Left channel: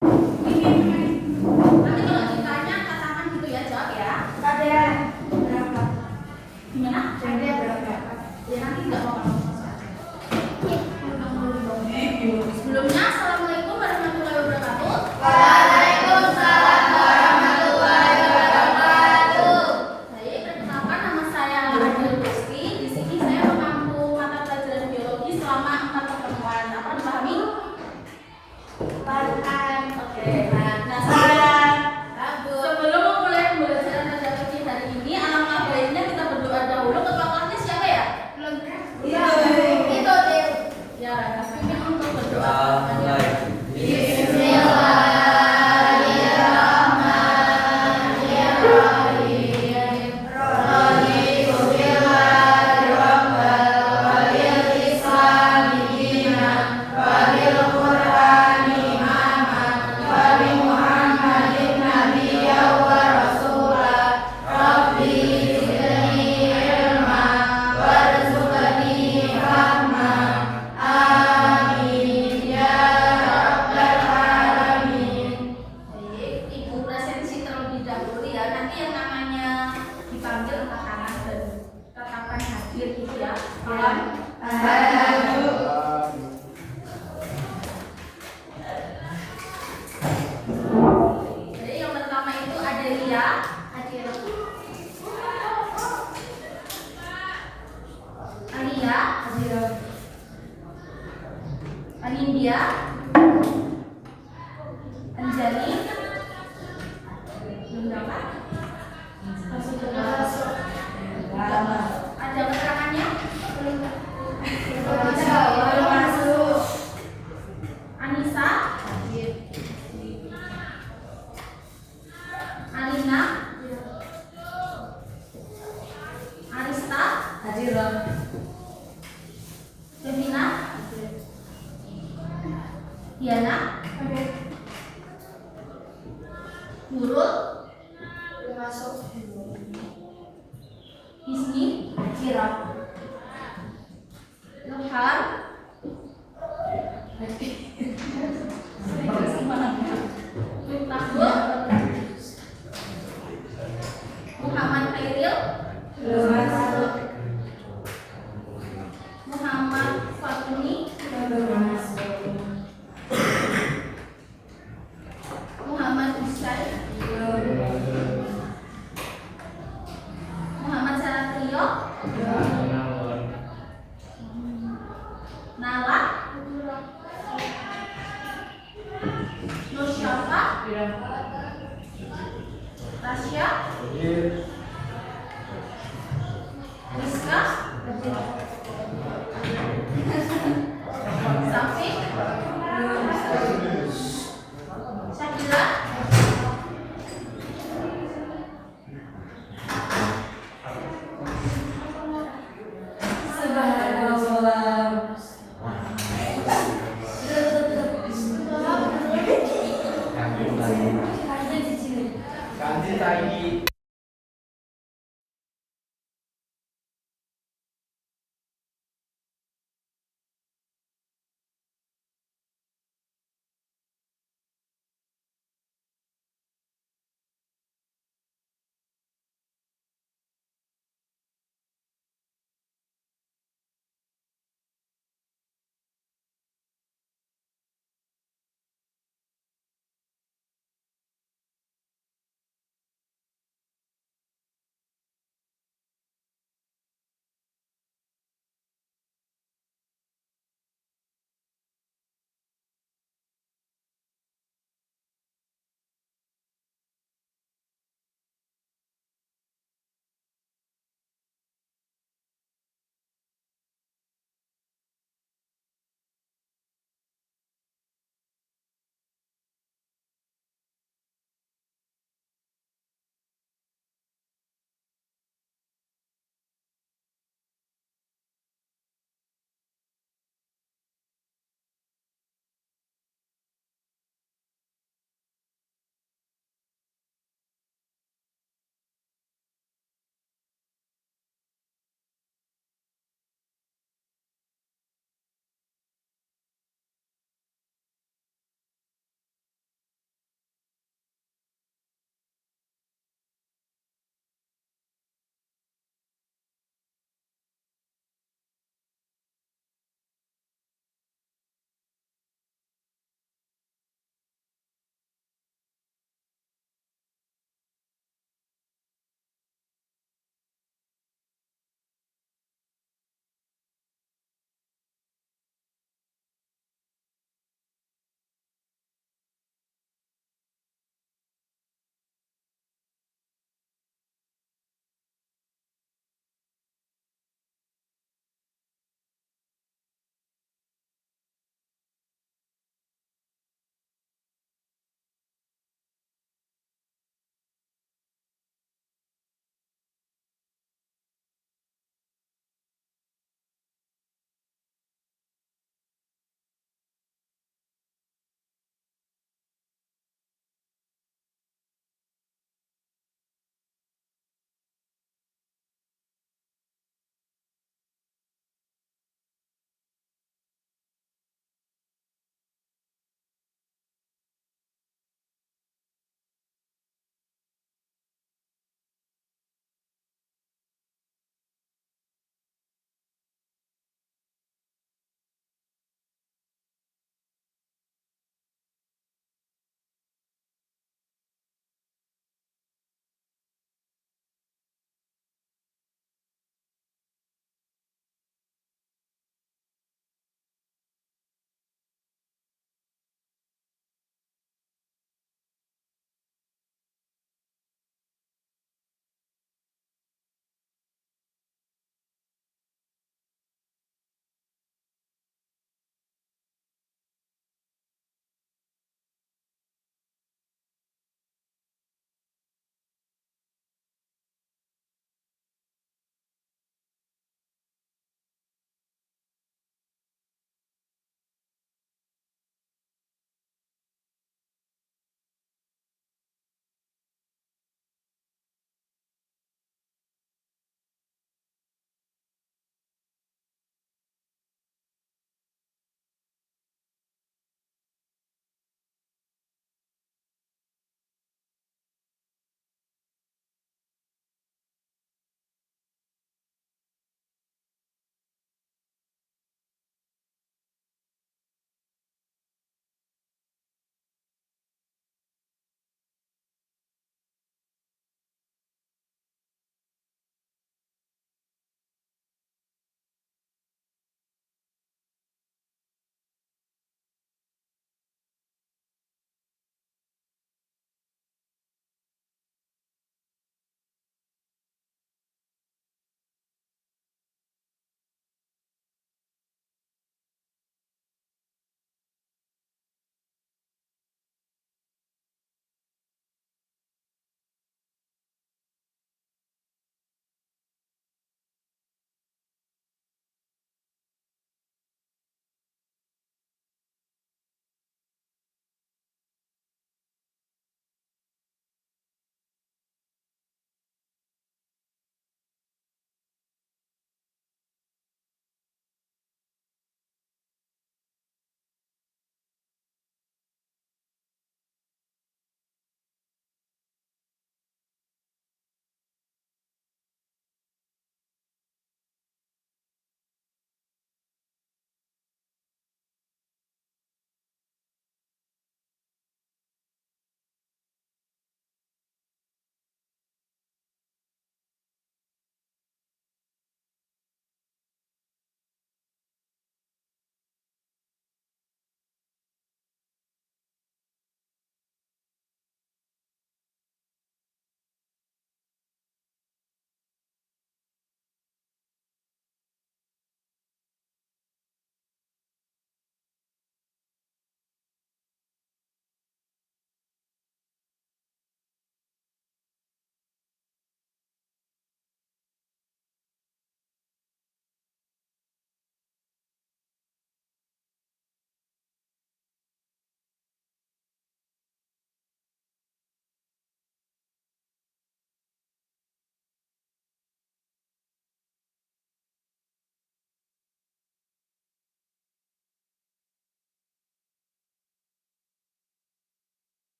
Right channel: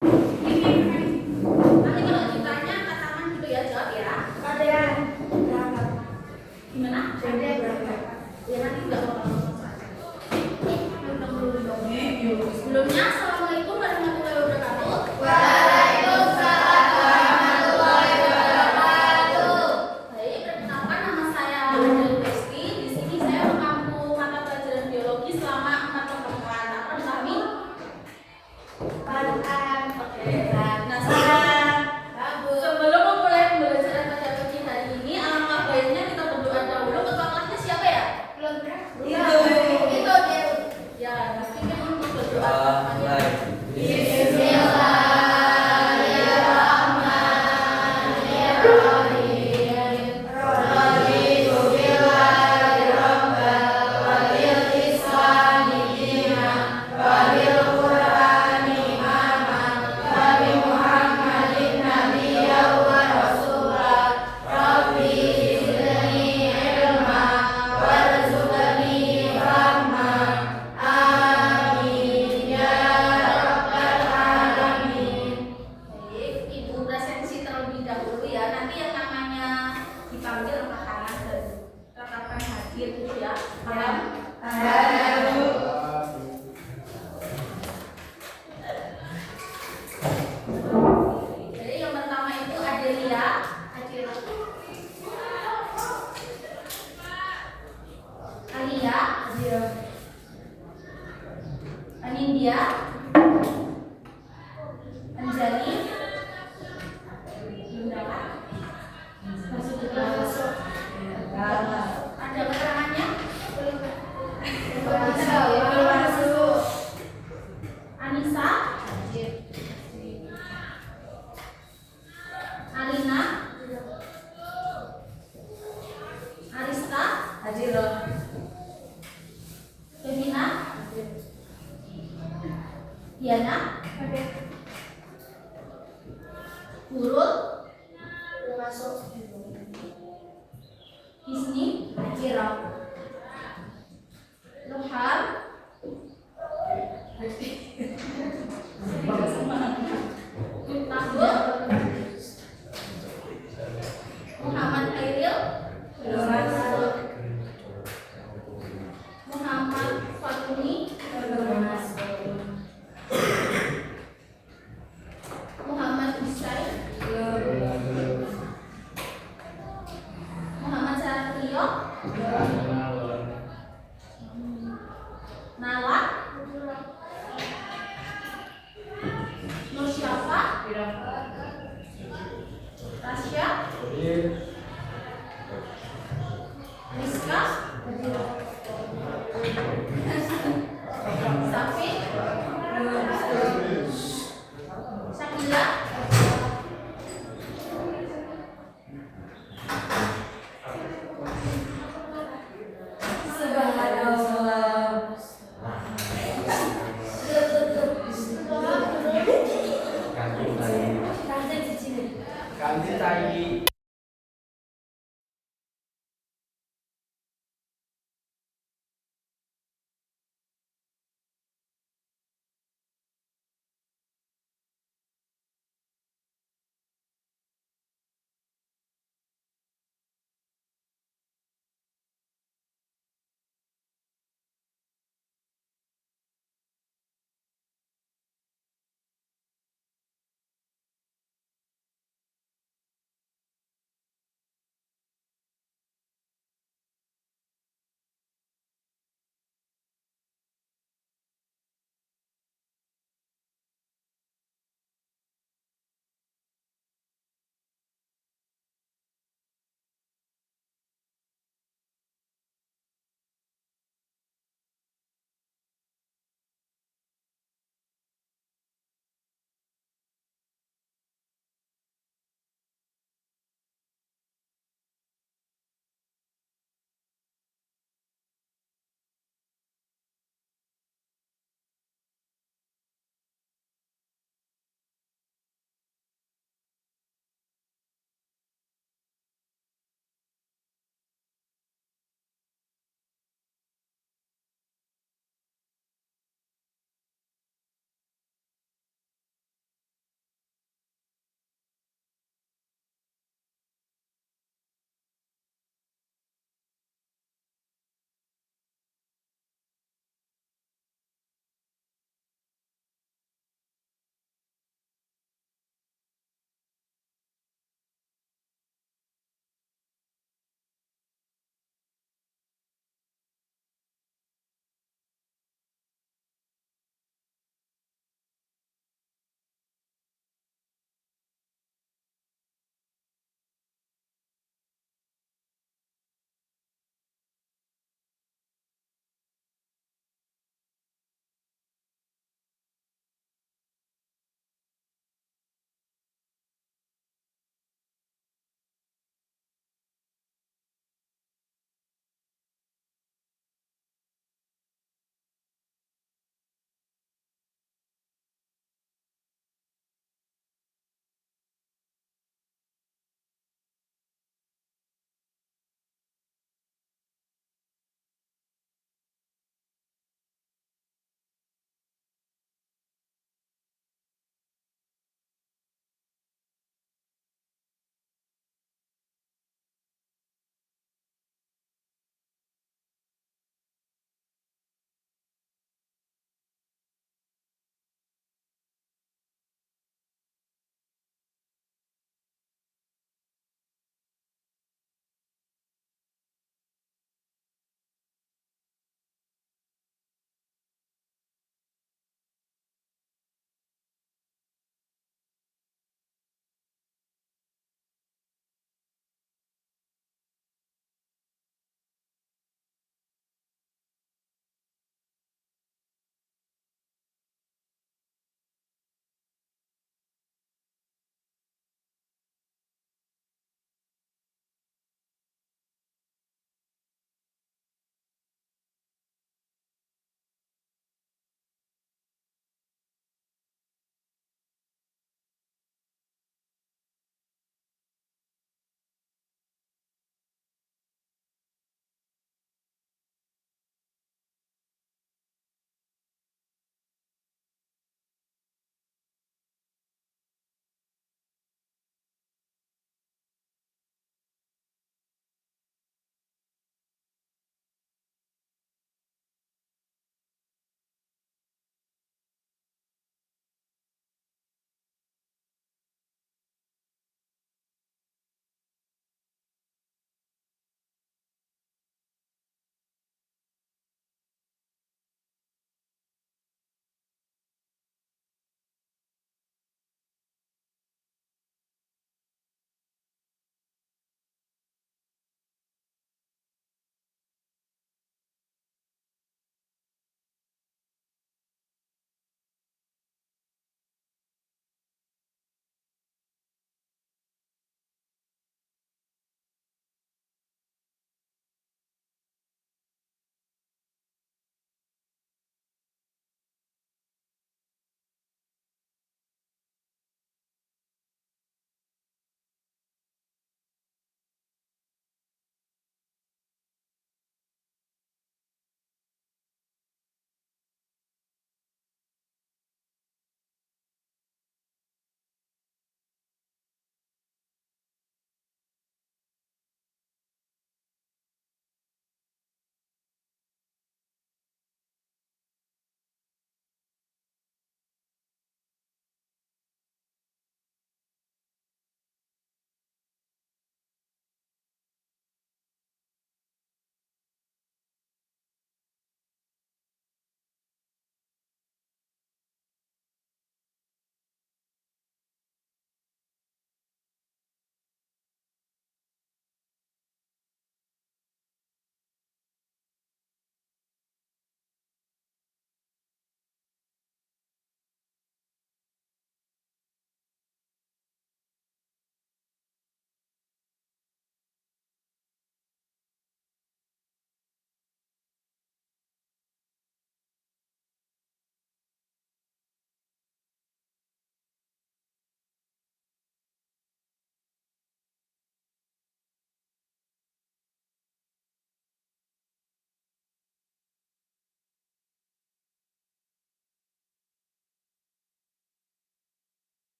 Nanti kalau ditanya katakan gitu ya, jawab ya. Ada berapa? Gimana? Ada berapa? Ya nanti nggak apa-apa. Sebelumnya, assalamualaikum warahmatullahi wabarakatuh. Waalaikumsalam warahmatullahi wabarakatuh. Baik, perkenalkan nama saya Adel Besti. Di sini saya mengampu mata pelajaran biologi selama 4 pertemuan. Apa dipahami? Paham. Oke. Nah, sebelum memulai pembelajaran biologi hari ini, alangkah baiknya kita berdoa dahulu. Ketua kelasnya siapa ya? Iya. Itu deh. Ya, dipimpin untuk berdoa. Baik, Ibu presensi terlebih dahulu ya. Nanti yang namanya dipanggil angkat tangan dan katakan hadir gitu ya. Paham? Jadi yang pertama itu Adelia, Alia, Anindya, Anjali, ada keterangannya? Anissa, Alina, Arista, Femina, Diana, Nurul, Hisni, Ilham, Tahbul, Muhammad Khairil, Muhammad Fatuni, Muhammad Isai, Muhammad Saratrio, Nala, Nur Syafa, Tasya, Rizka, Safi, Syakila, Ganti lagi.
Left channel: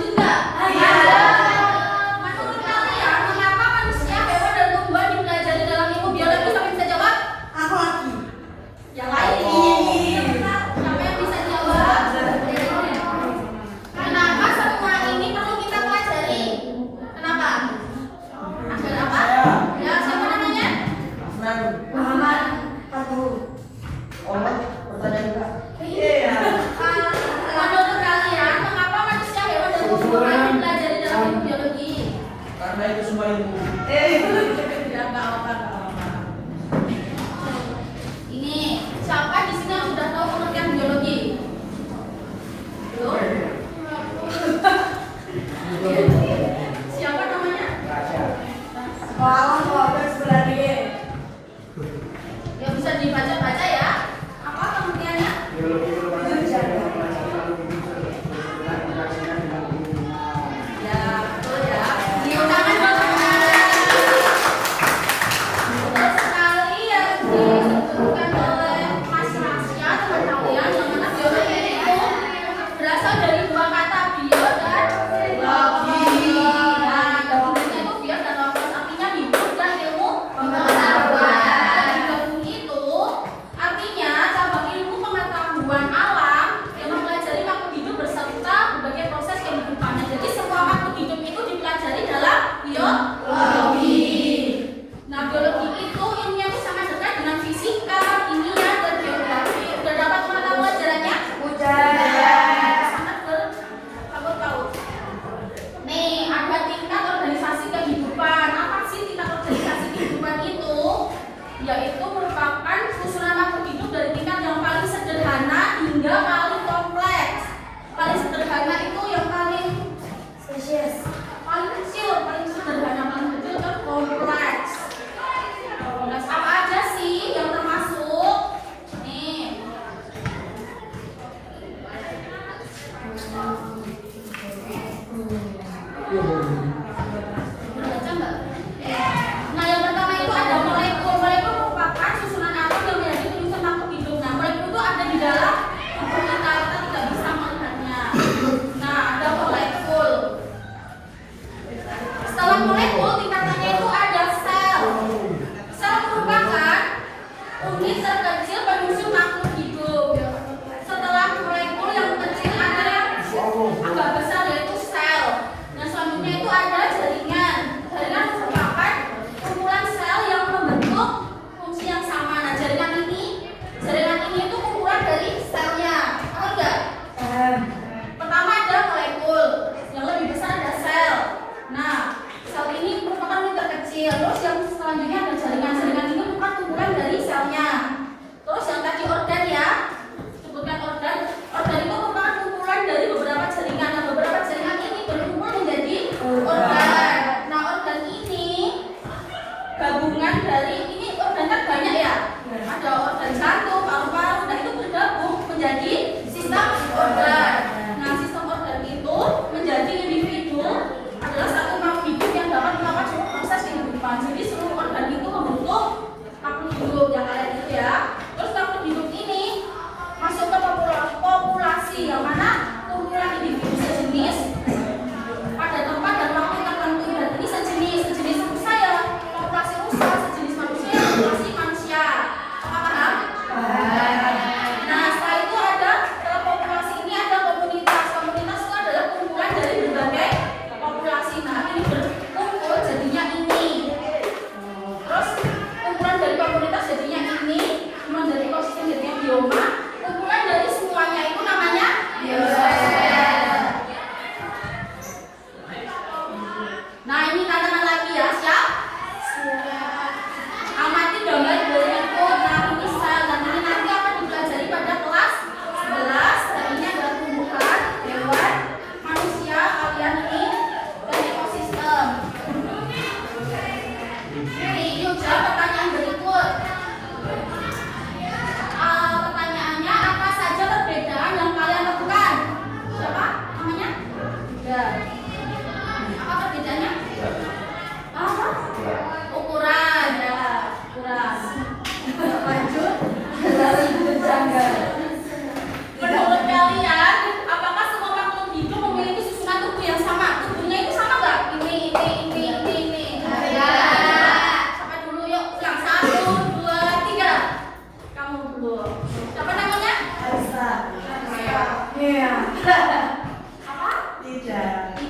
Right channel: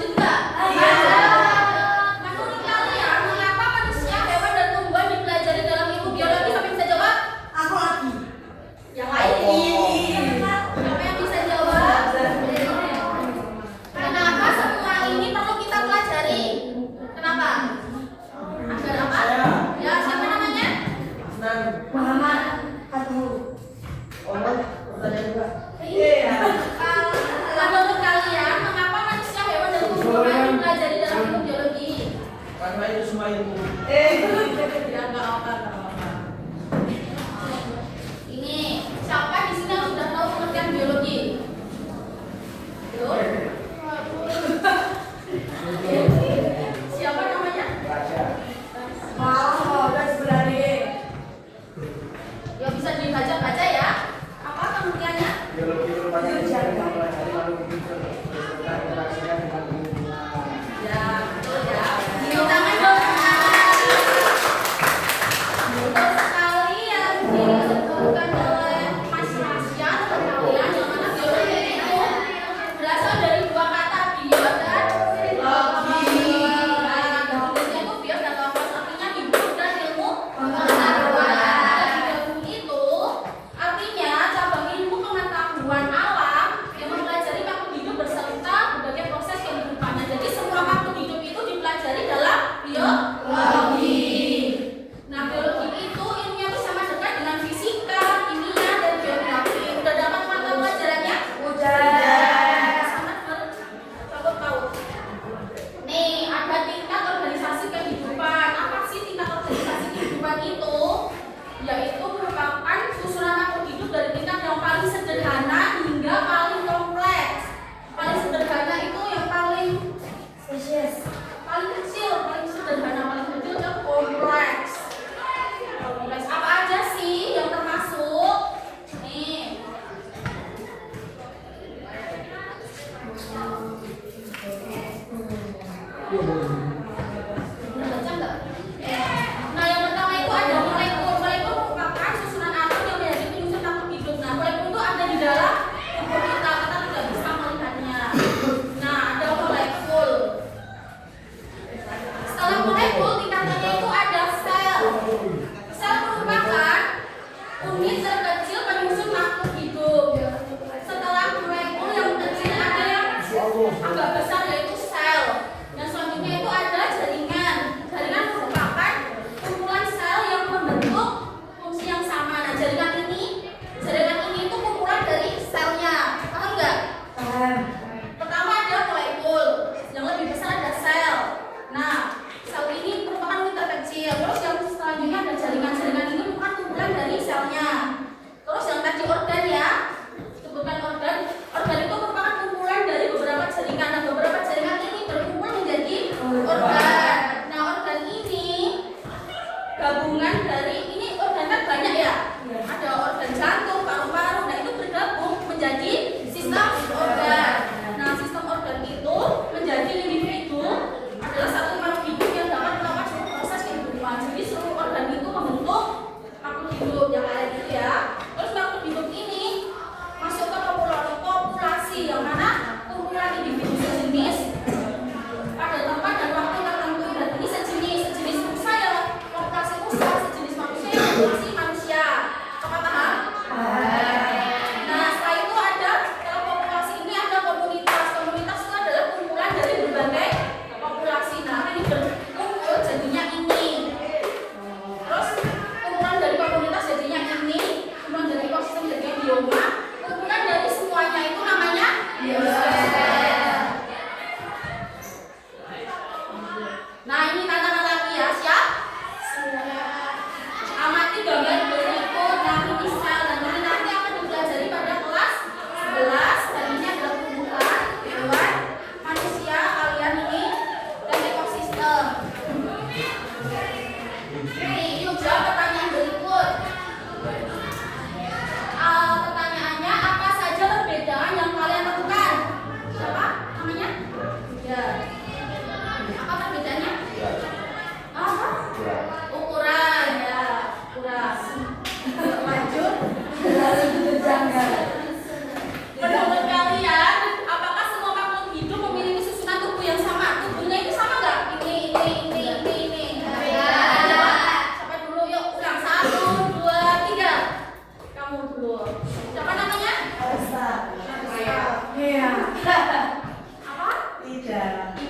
Lanjut nggak? Iya. Menurut kalian, mengapa manusia, hewan, dan tumbuhan dipelajari dalam ilmu biologi? Siapa yang bisa jawab? Aku lagi. Yang lain. Siapa yang bisa jawab? Kenapa semua ini perlu kita pelajari? Kenapa? Ada apa? Ya, siapa namanya? Muhammad Fatul. Iya. Menurut kalian, mengapa manusia, hewan, dan tumbuhan dipelajari dalam ilmu biologi? Karena itu semua ilmu. Ya, nggak apa-apa. Ini siapa di sini yang sudah tahu pengertian biologi? Belum? Siapa namanya? Ya bisa dibaca-baca ya. Apa pengertiannya? Biologi merupakan ilmu yang mempelajari lalu menyusun dan menyaksikan dengan ilmu. Ya, betul ya. Tepuk tangan dong. Betul sekali yang disebutkan oleh Mas Rasya, teman kalian, yang mana biologi itu berasal dari dua kata, bio dan logi. Nah, gabungannya itu bio dan logi, artinya hidup dan ilmu pengetahuan. Dan gabung itu artinya cabang ilmu pengetahuan alam yang mempelajari makhluk hidup beserta berbagai proses kehidupannya. Jadi semua makhluk hidup itu dipelajari dalam biologi. Nah, biologi itu ilmunya itu sama dekat dengan fisika, kimia, dan geografi. Udah dapat mata pelajarannya? Sangat bertaut-taut. Nih, ada tingkat organisasi kehidupan. Apa sih tingkat organisasi kehidupan itu? Yaitu merupakan susunan makhluk hidup dari tingkat yang paling sederhana hingga paling kompleks. Paling sederhana itu yang paling kecil, paling sederhana, paling kecil ke kompleks. Kompleks apa aja sih yang termasuk? Nih. Udah baca nggak? Nah, yang pertama itu ada molekul. Molekul merupakan susunan atom yang menjadi penyusun makhluk hidup. Nah, molekul itu ada di dalam tubuh kita tidak bisa melihatnya. Nah, ada molekul. Setelah molekul, tingkatannya itu ada sel. Sel merupakan unit terkecil penyusun makhluk hidup. Setelah molekul yang kecil ada yang agak besar yaitu sel. Dan selanjutnya itu ada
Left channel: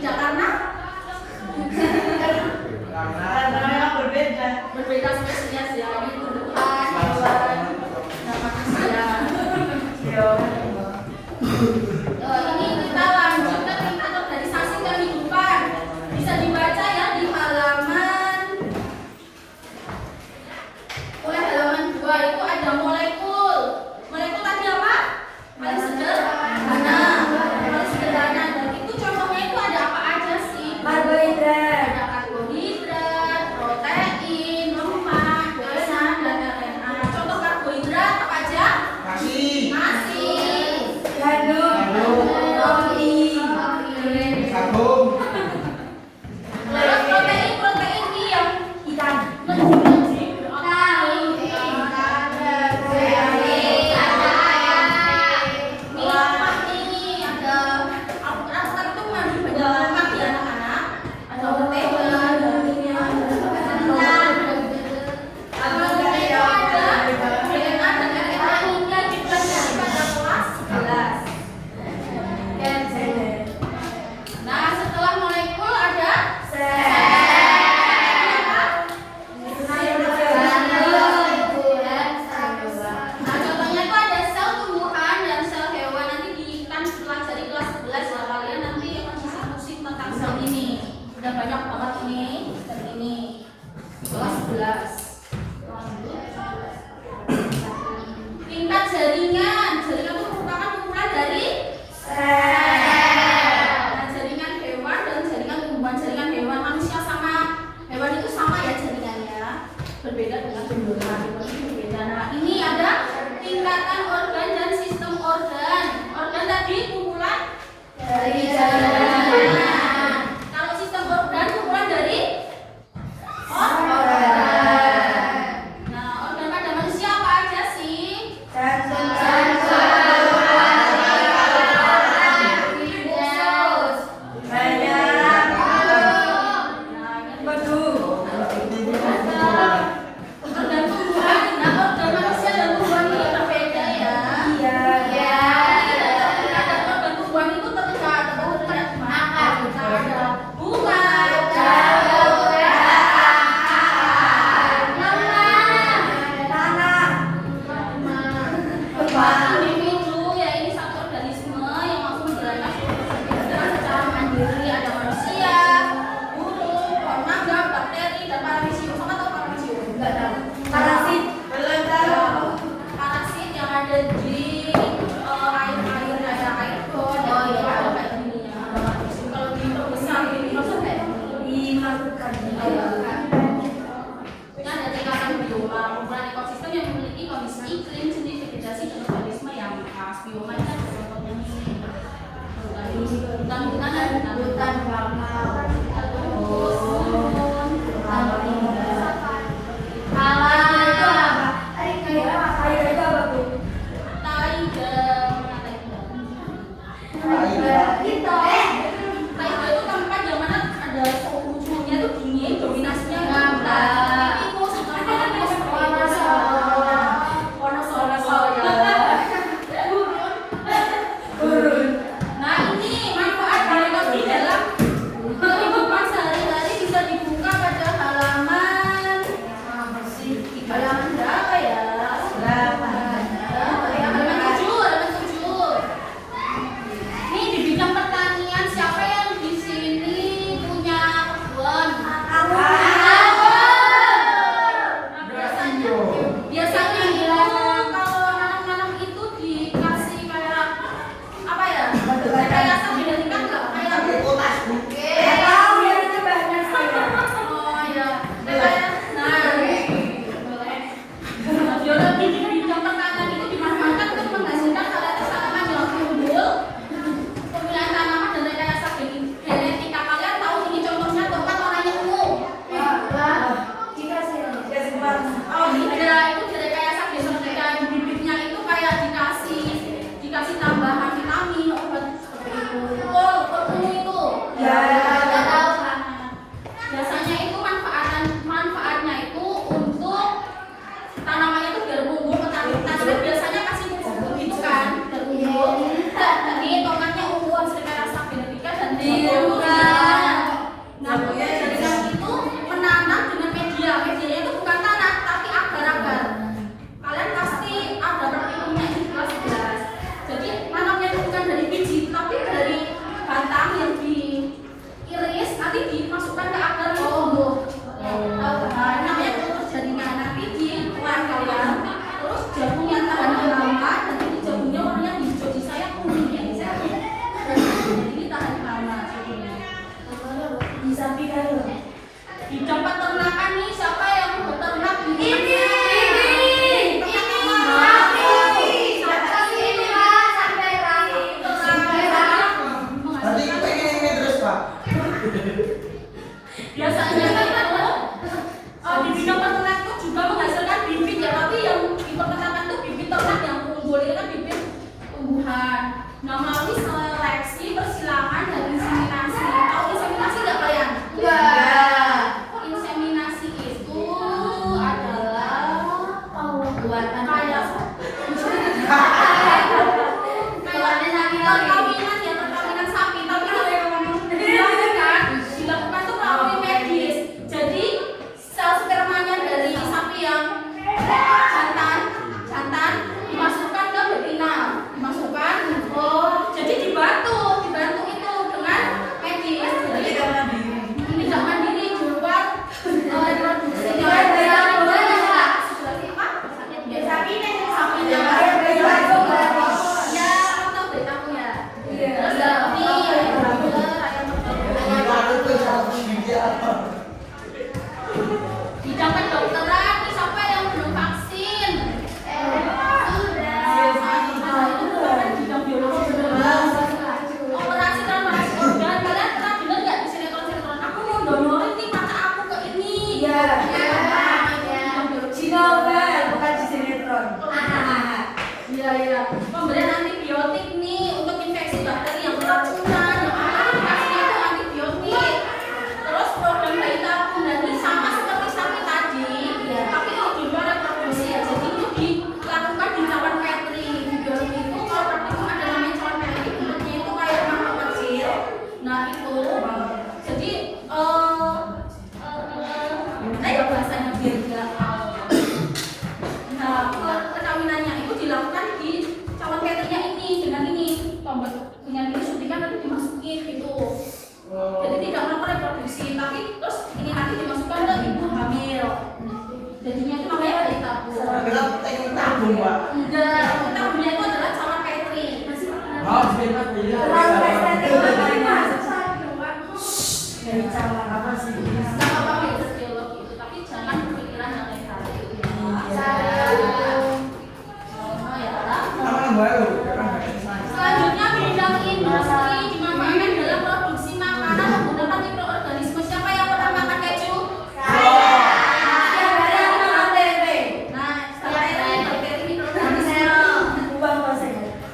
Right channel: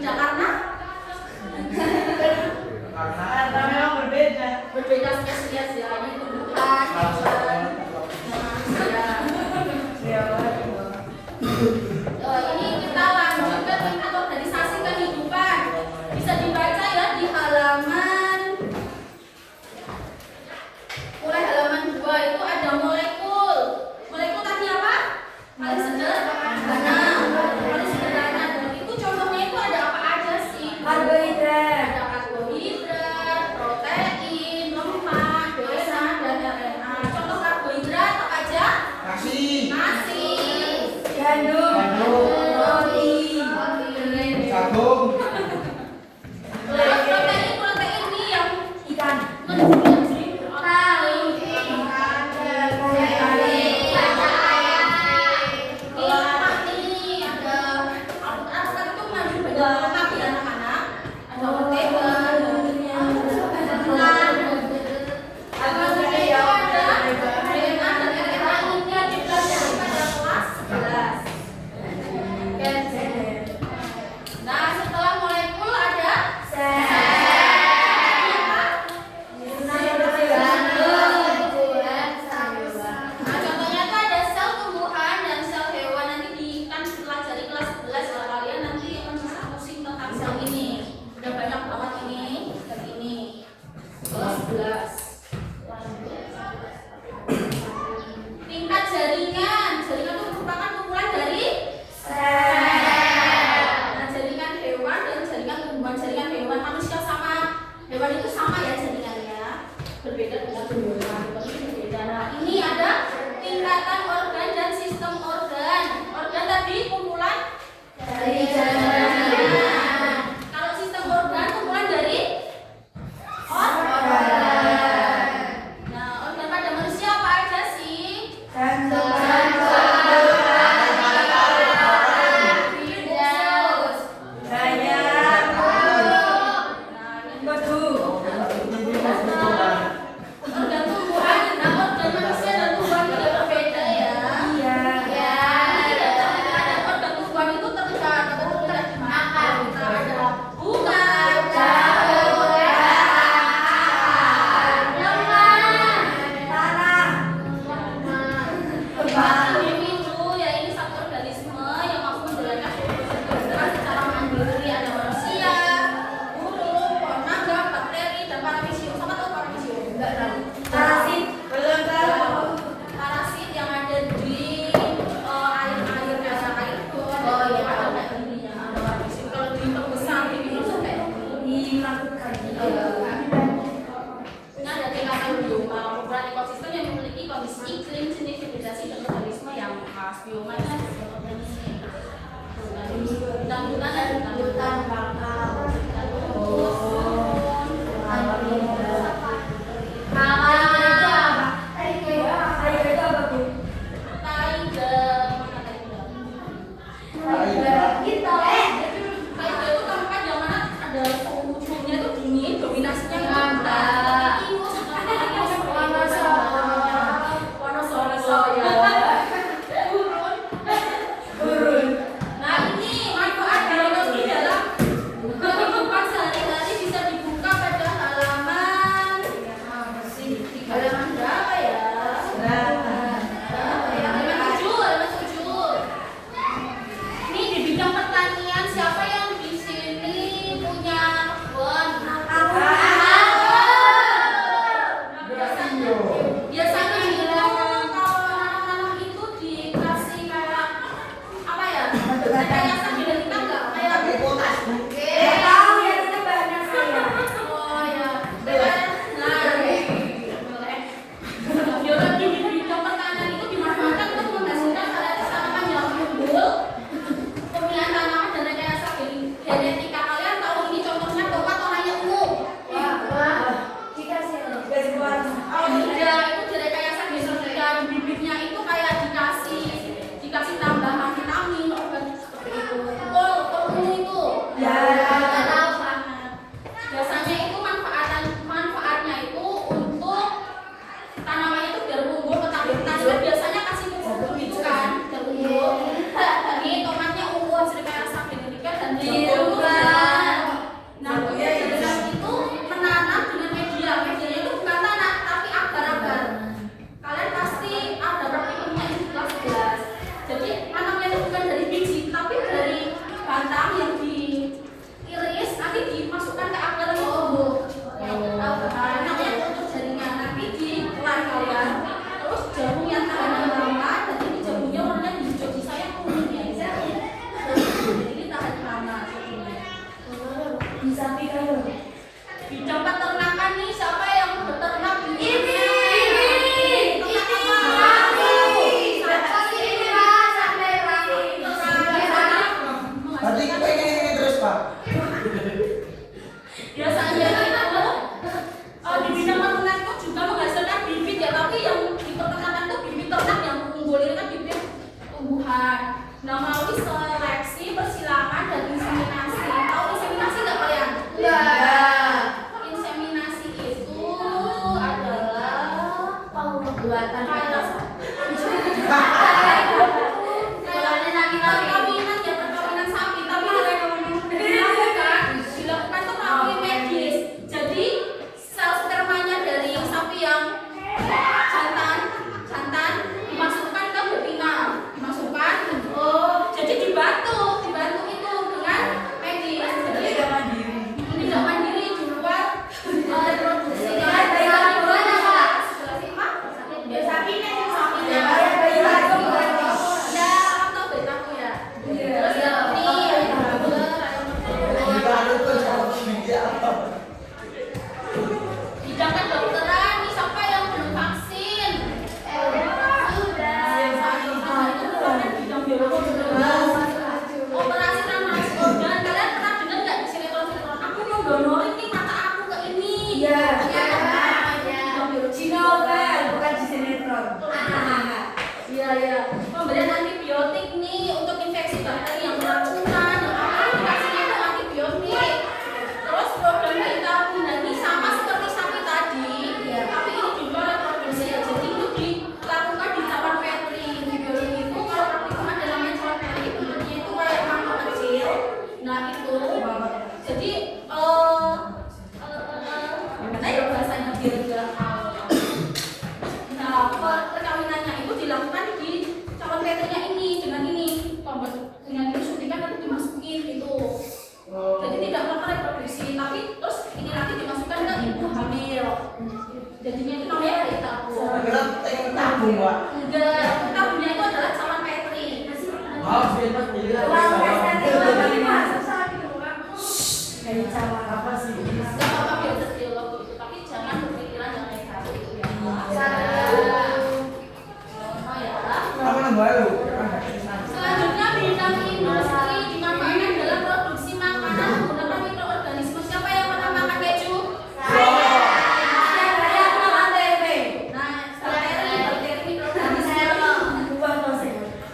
Tidak karena Karena memang berbeda. berbeda spesies ya, ini tumbuhan, hewan, dan manusia. Ini kita lanjut ke tingkat organisasi kehidupan. Bisa dibaca ya di halaman, mulai halaman 2 itu ada molekul. Molekul tadi apa? Paling sederhana. Paling sederhana. Dan itu contohnya itu ada apa aja sih? Karbohidrat. Ada karbohidrat, protein, lemak, DNA, dan RNA. Contoh karbohidrat apa aja? Nasi. Nasi, Gandum. Roti. Jagung. protein ini yang Ikan. Nah, setelah molekul ada Nah, contohnya itu ada sel tumbuhan dan sel hewan. Nanti kan pelajari kelas 11 ya, kalian nanti akan bisa pusing tentang sel ini. Udah banyak banget ini dan ini. Kelas 11. Tingkat jaringan. Jaringan itu merupakan kumpulan dari nah, jaringan hewan dan jaringan tumbuhan. Jaringan hewan manusia sama hewan itu sama ya jaringannya. Berbeda dengan tumbuhan. Itu berbeda. Nah, ini ada tingkatan organ dan sistem organ. Organ tadi kumpulan Dari jaringan. Kalau sistem organ kumpulan dari Organ. sapi kayu. Bidang peternakan nih, siapa yang beternak di Ini. Tadi kita ini terus Pak. Biasanya itu di bidang peternak itu juga menghasilkan bibit ya, tapi yang di peternakan itu bibit ternak yang unggul ini kan bibit tumbuhan. Nah, melalui seleksi, persilangan dan inseminasi. Tahu inseminasi nggak kalian? Inseminasi itu adalah Pembuatan kayak perkawinan sapi, tapi ada yang dilakukan tuh melalui medis. Jadi sel spermanya dari sapi yang jantan dimasukkan ke betina, jadi dibantu itu dengan medis. Jadi tidak mandiri di luar reproduksi. Sapinya. Ya, atau betamu ya. Terus ini bidang kedokteran, ini siapa yang belum vaksin? Bidang biologi operasi transplantasi organ. Kalian pernah dengar nggak di sinetron? Aku mau donorin nih mata aku ke ini. Iya. Pemberian antibiotik nih untuk infeksi bakteri yang keracunan, yang aplikasinya itu antibiotik. Terus program bayi tabung, dan ini sama seperti sapi tadi, tapi ini di luar reproduksi ya. Jadi itu dilakukan di cawan petri. Di biologi itu kalau praktikum ada namanya cawan petri, bentuknya itu kayak mangkok kecil. Nah itu, jadi gimana ya bahasanya biar dia perkawinannya itu dilakukan di cawan petrinya ini dengan ini suntikan nanti dimasukin gitu. Jadi tidak melakukan reproduksi, tapi terus ini nanti dimasukkan ke ibu hamil. Jadinya itu namanya bayi tabung. Tabung Pak. Enggak, tabungnya itu adalah cawan petri. Sebentar Dari cawan apa sih? Nggak apa-apa belajar biologi itu, tapi jangan berpikiran yang negatif ya. Selanjutnya bidang industri dimanfaatkan dalam produksi makanan menggunakan mikroorganisme. Siapa yang pernah makan keju? Nah, bakteri mikroorganisme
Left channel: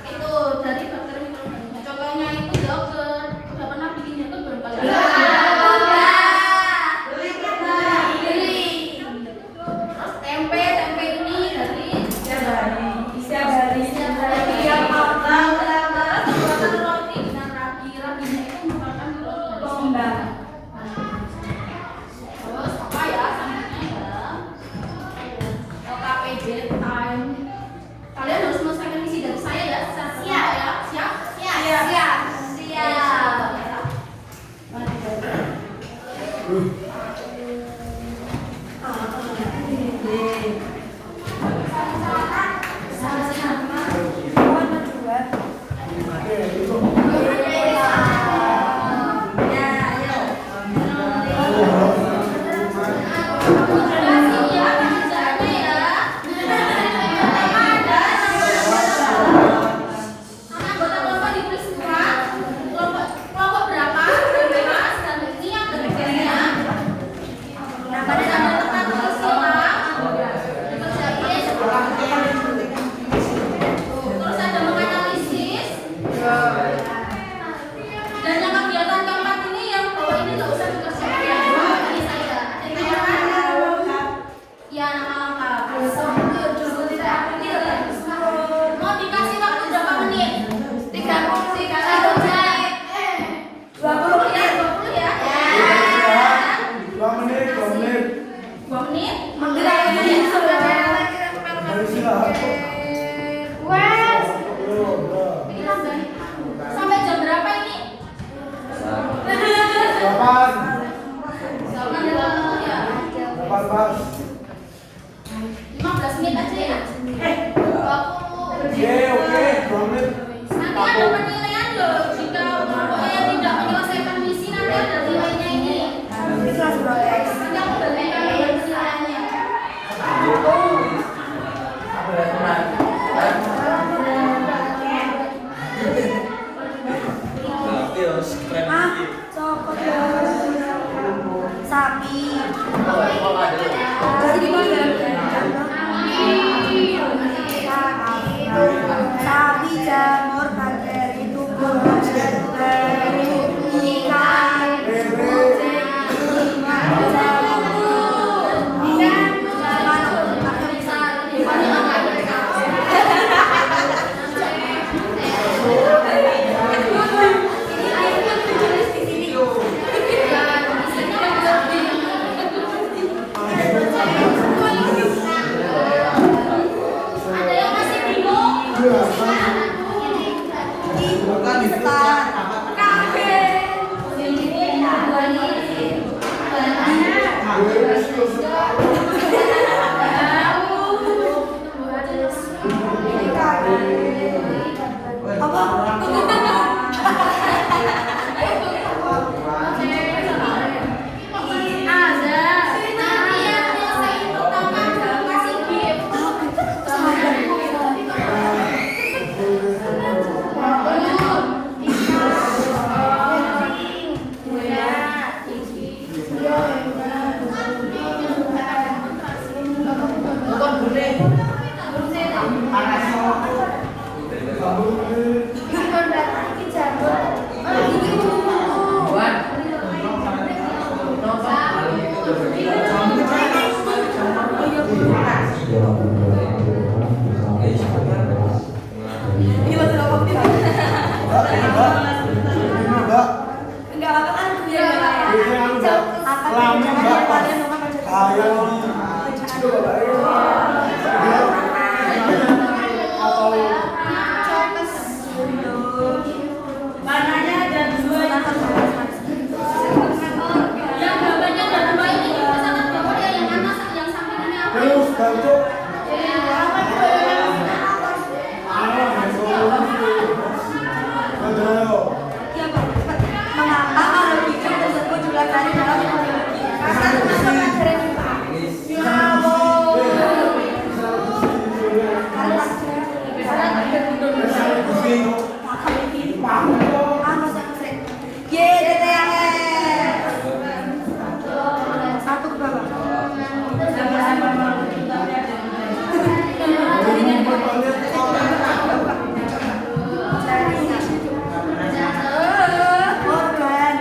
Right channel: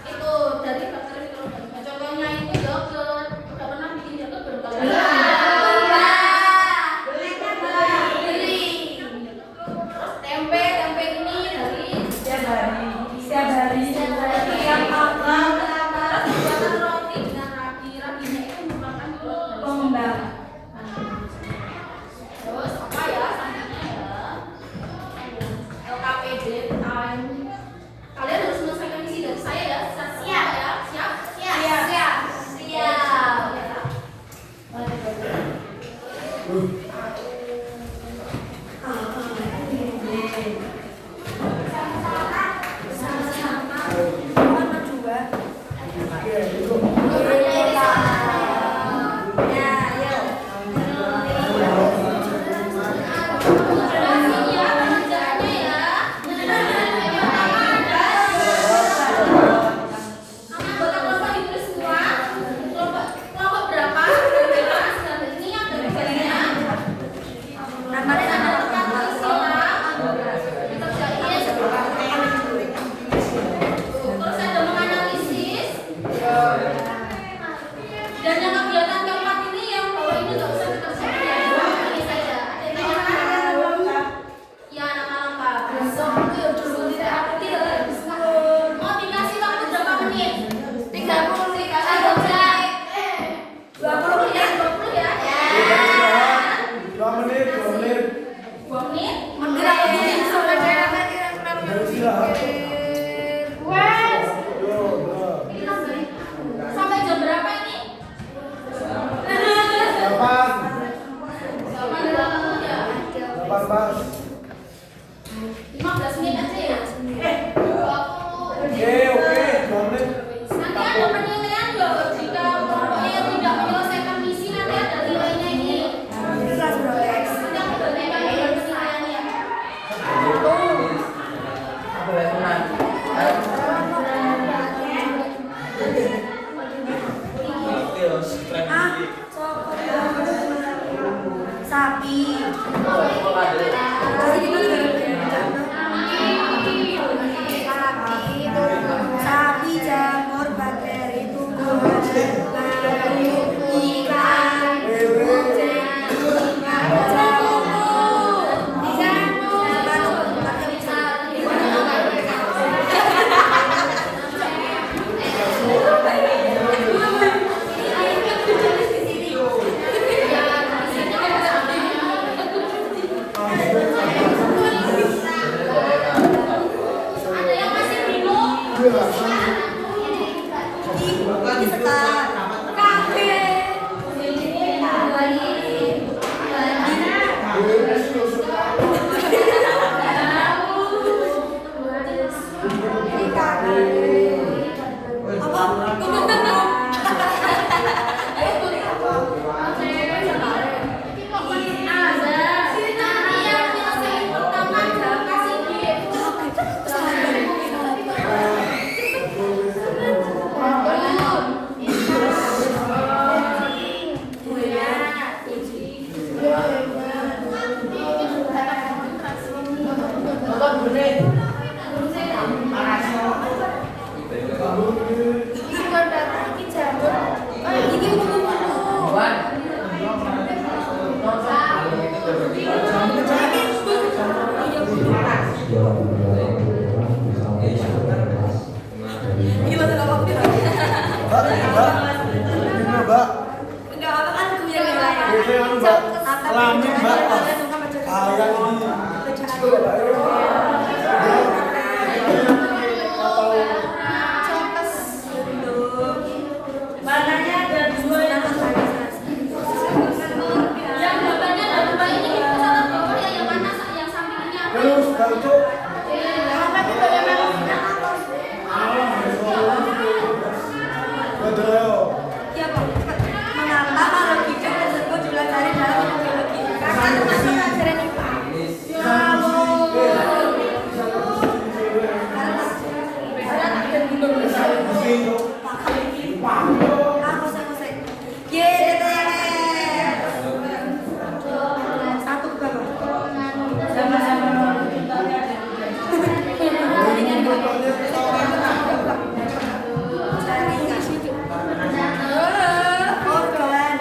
itu dari bakteri mikroorganisme. Contohnya itu yogurt. Udah pernah bikin yogurt belum kalian? Terus tempe ini dari Setiap hari buatan roti dengan raginya itu merupakan mikroorganisme. Terus apa ya selanjutnya ya LKPD time. Kalian harus menyelesaikan misi dari saya ya. Siap. Kelompok berapa? 12 dan ini yang dari kalian sapi. Terus gitu sapi, jamur, bakteri, tumbuhan, bakteri, ikan, kucing, bunga, jamur, Ada yang masih bingung? ini setar, ini masuk apa? Enggak apa kan punya warnanya ada dua yang Yang gambarnya ada dua ini kesalahan gambar yang mana? Yang samping ini apa? Terus bantu. mengapa kalau video tersebut diulang kali dalam teknologi karena teman-teman keren juga. Satu ke bawah. Jaringan situ. Organ.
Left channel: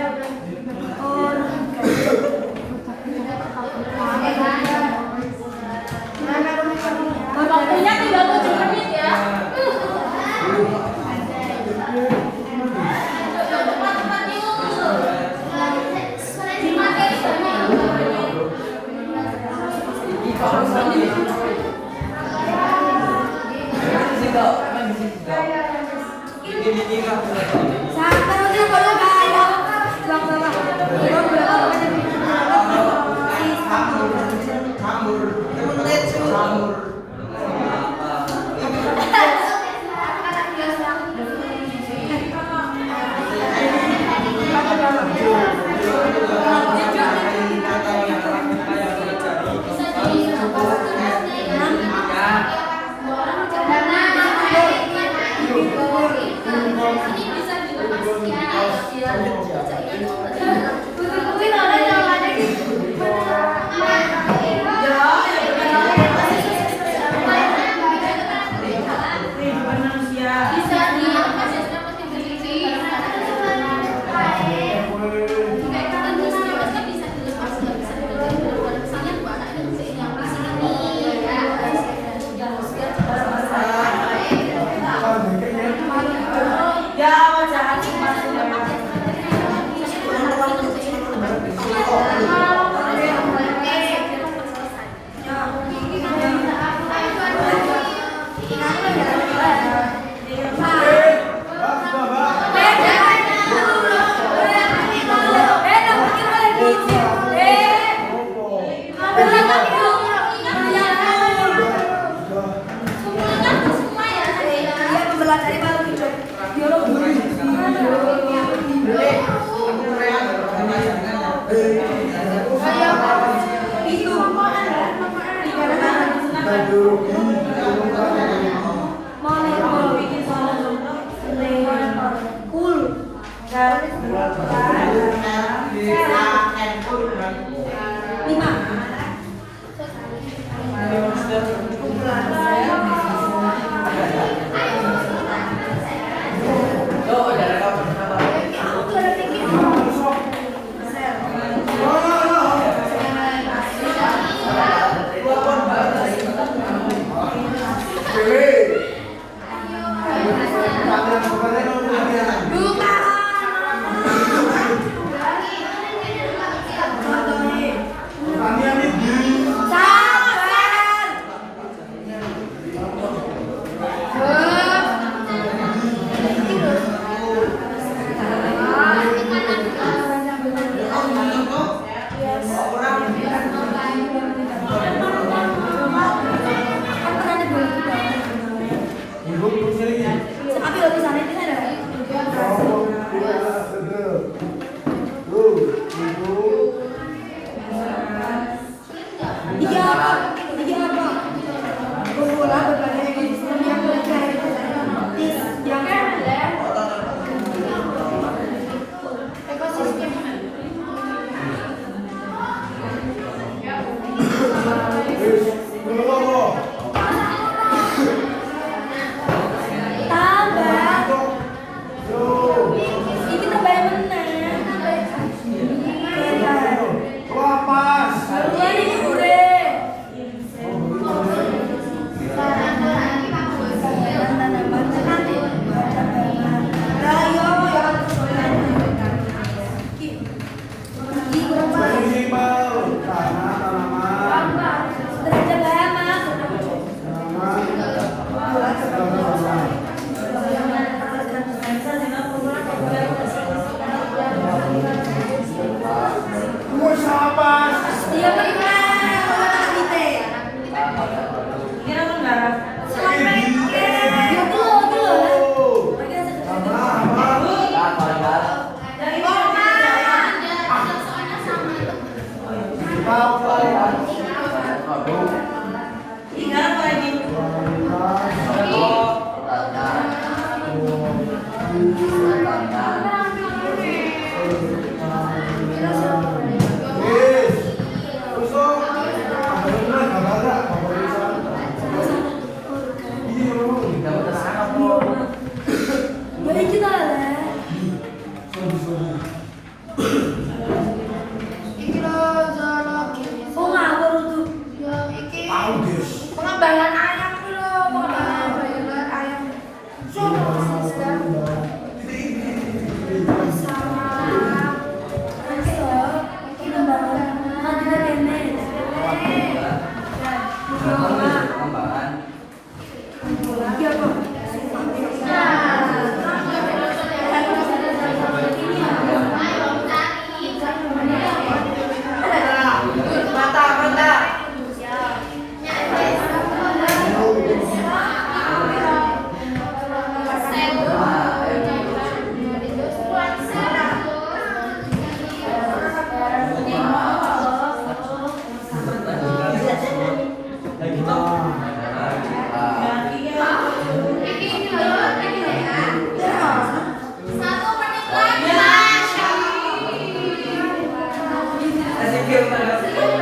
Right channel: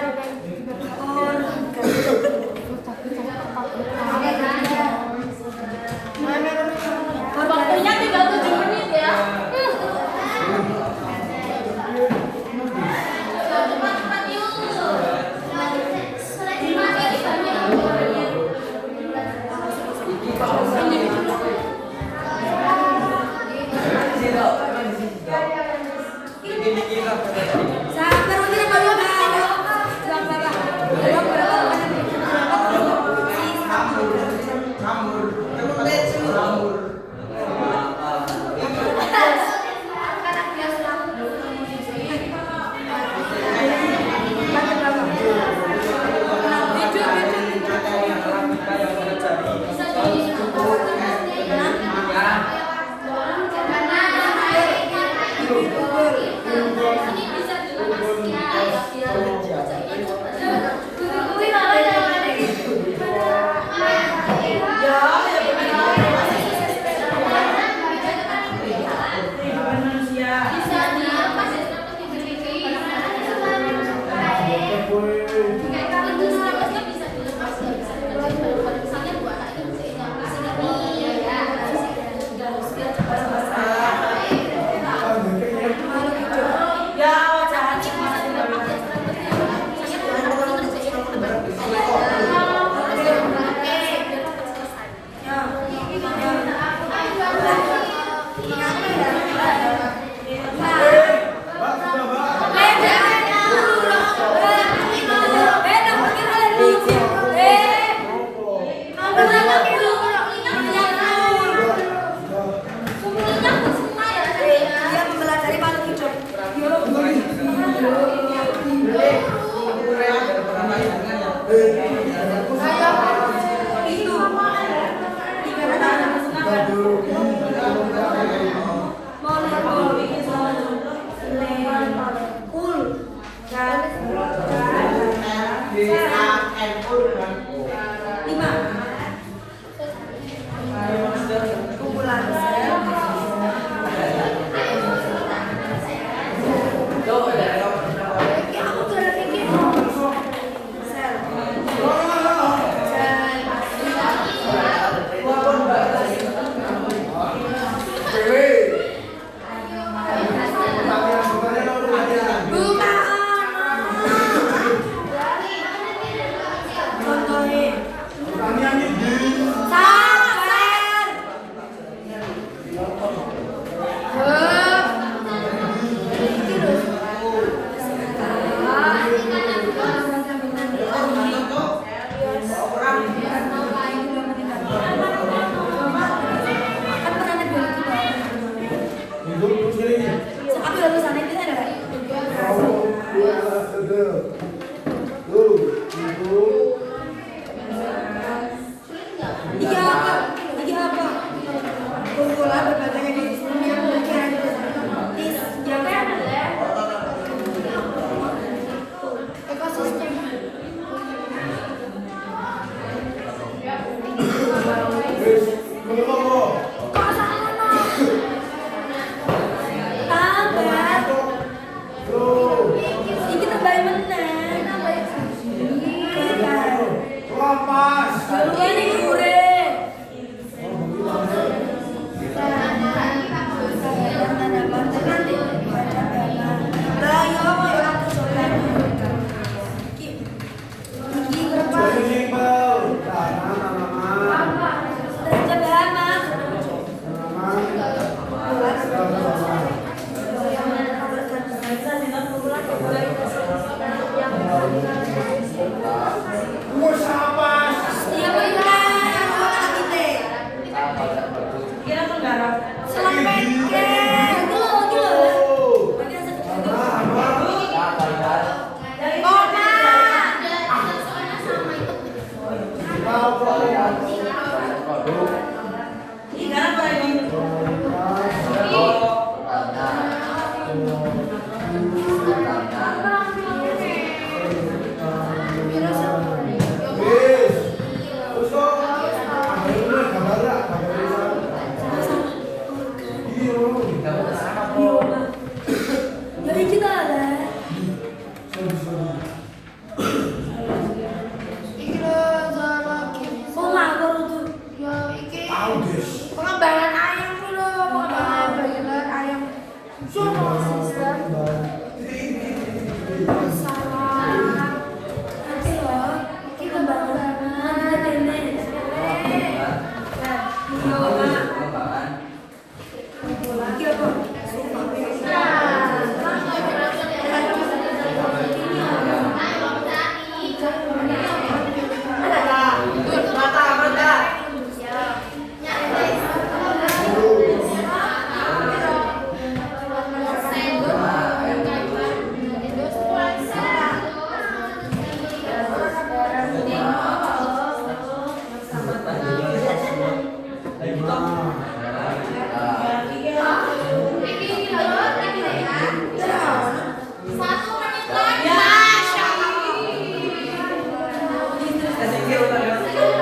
Benar cepat.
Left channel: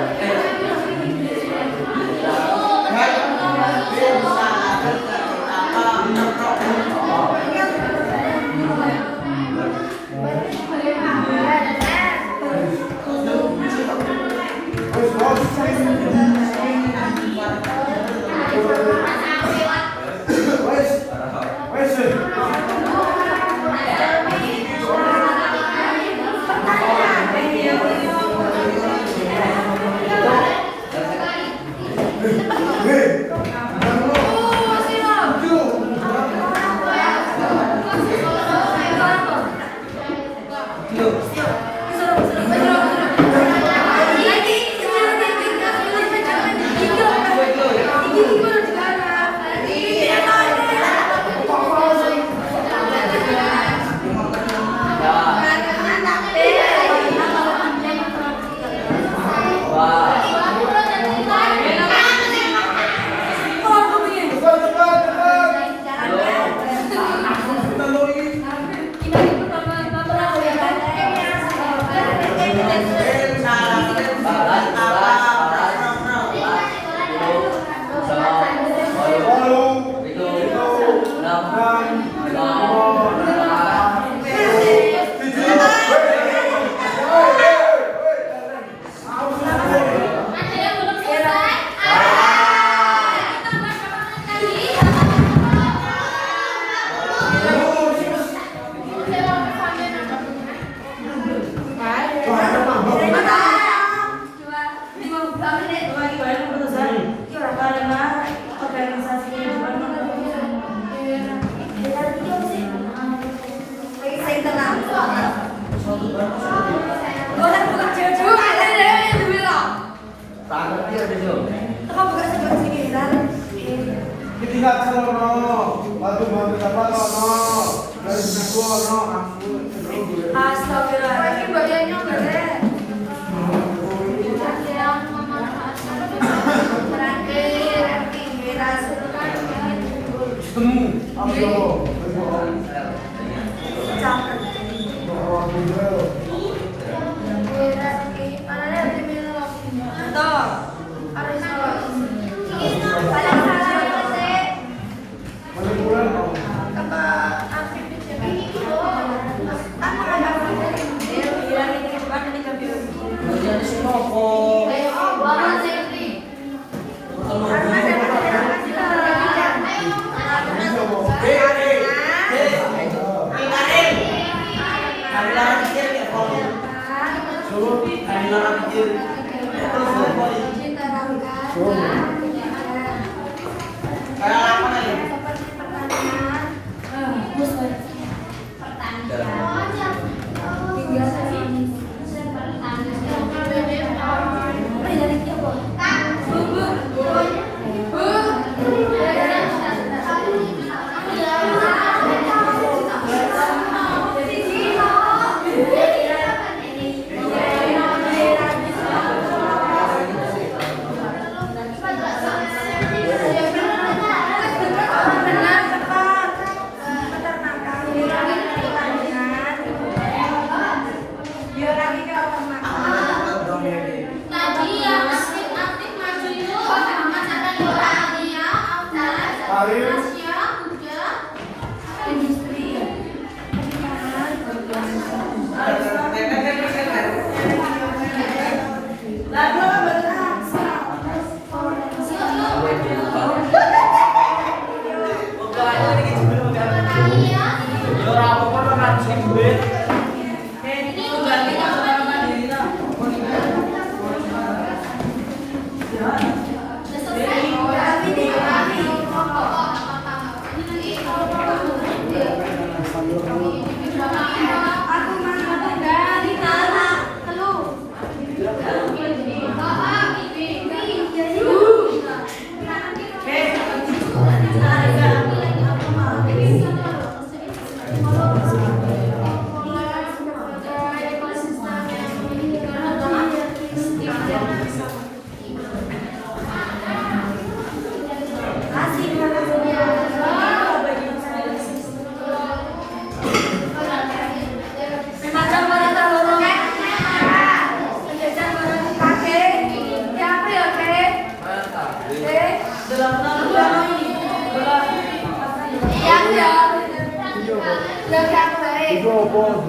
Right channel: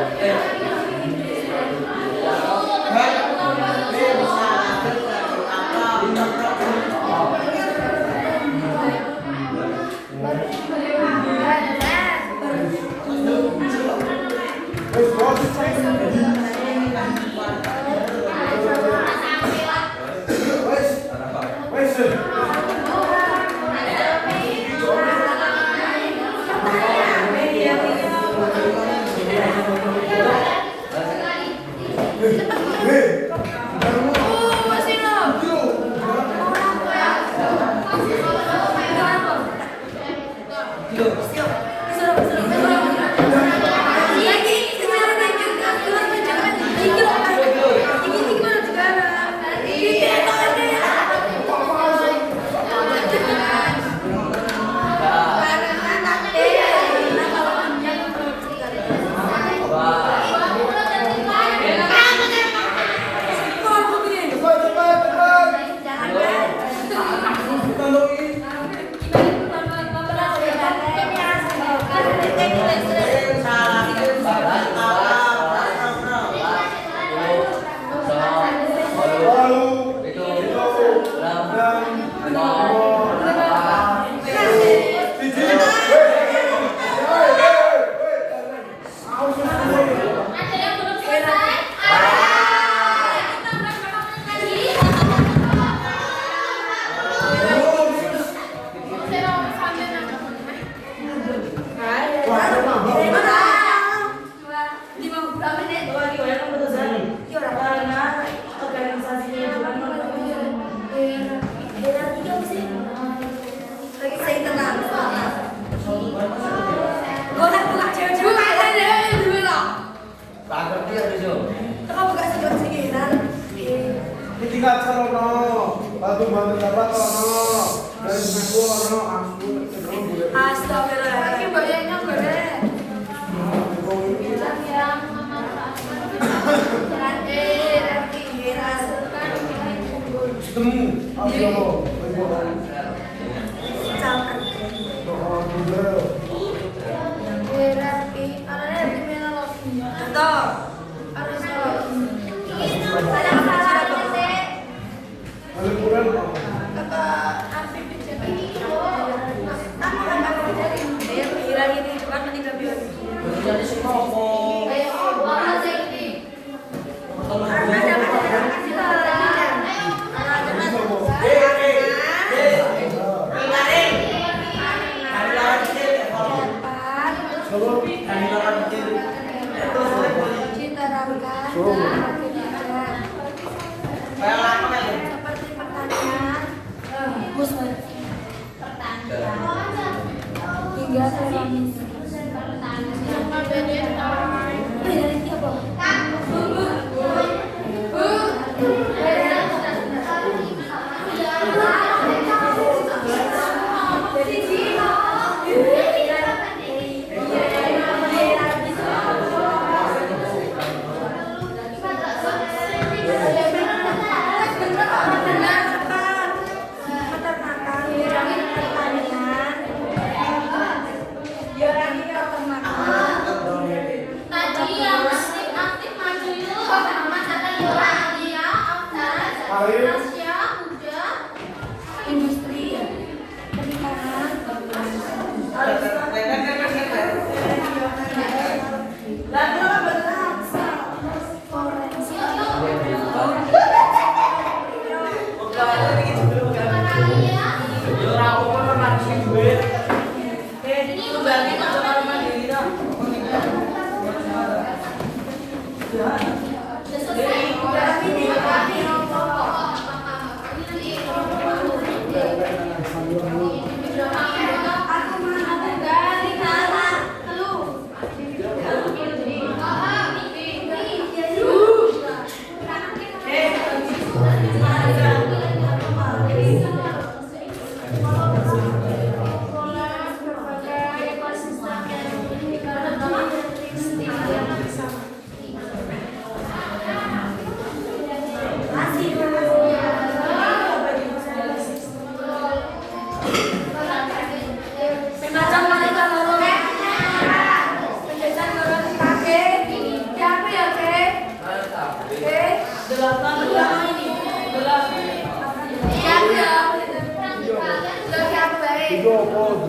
Mengomel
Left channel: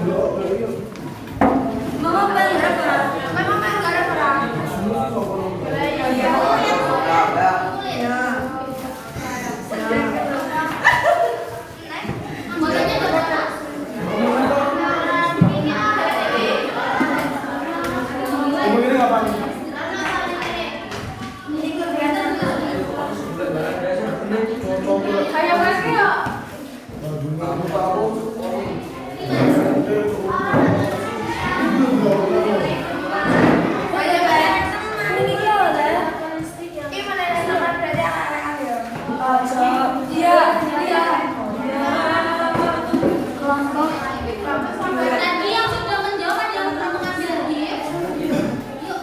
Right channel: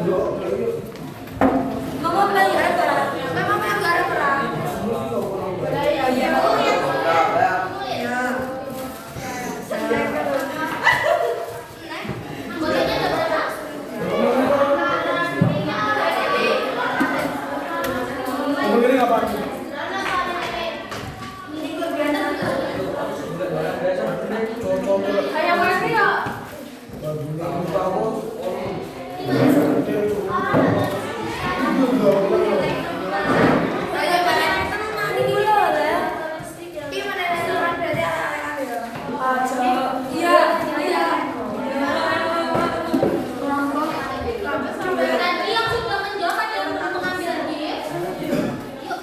restoran. Memang kan nggak ada perang. Anggotanya ada berapa? Kayak mana ya? Kayak mana? Ini dulu lah. Ini mana restoran berarti ayo. Iya, iya. Kelompok. Nanti yang sudah menjawab ada yang mengambil lagi. Yuk.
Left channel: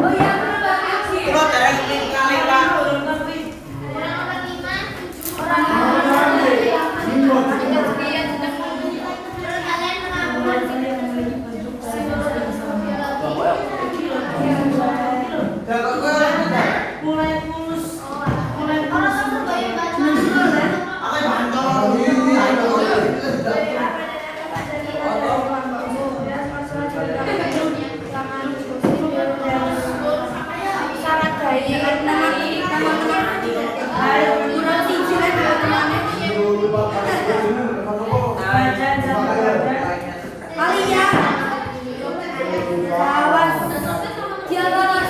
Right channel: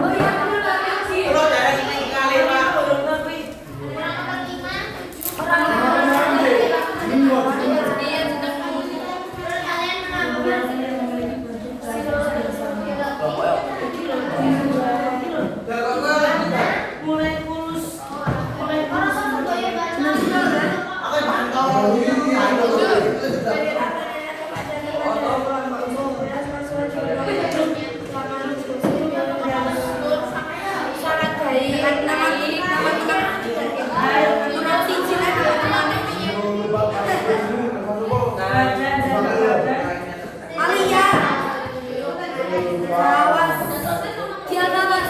Oh iya, benar banget sih. Sangat baik. Alia. Awas. Dia awas.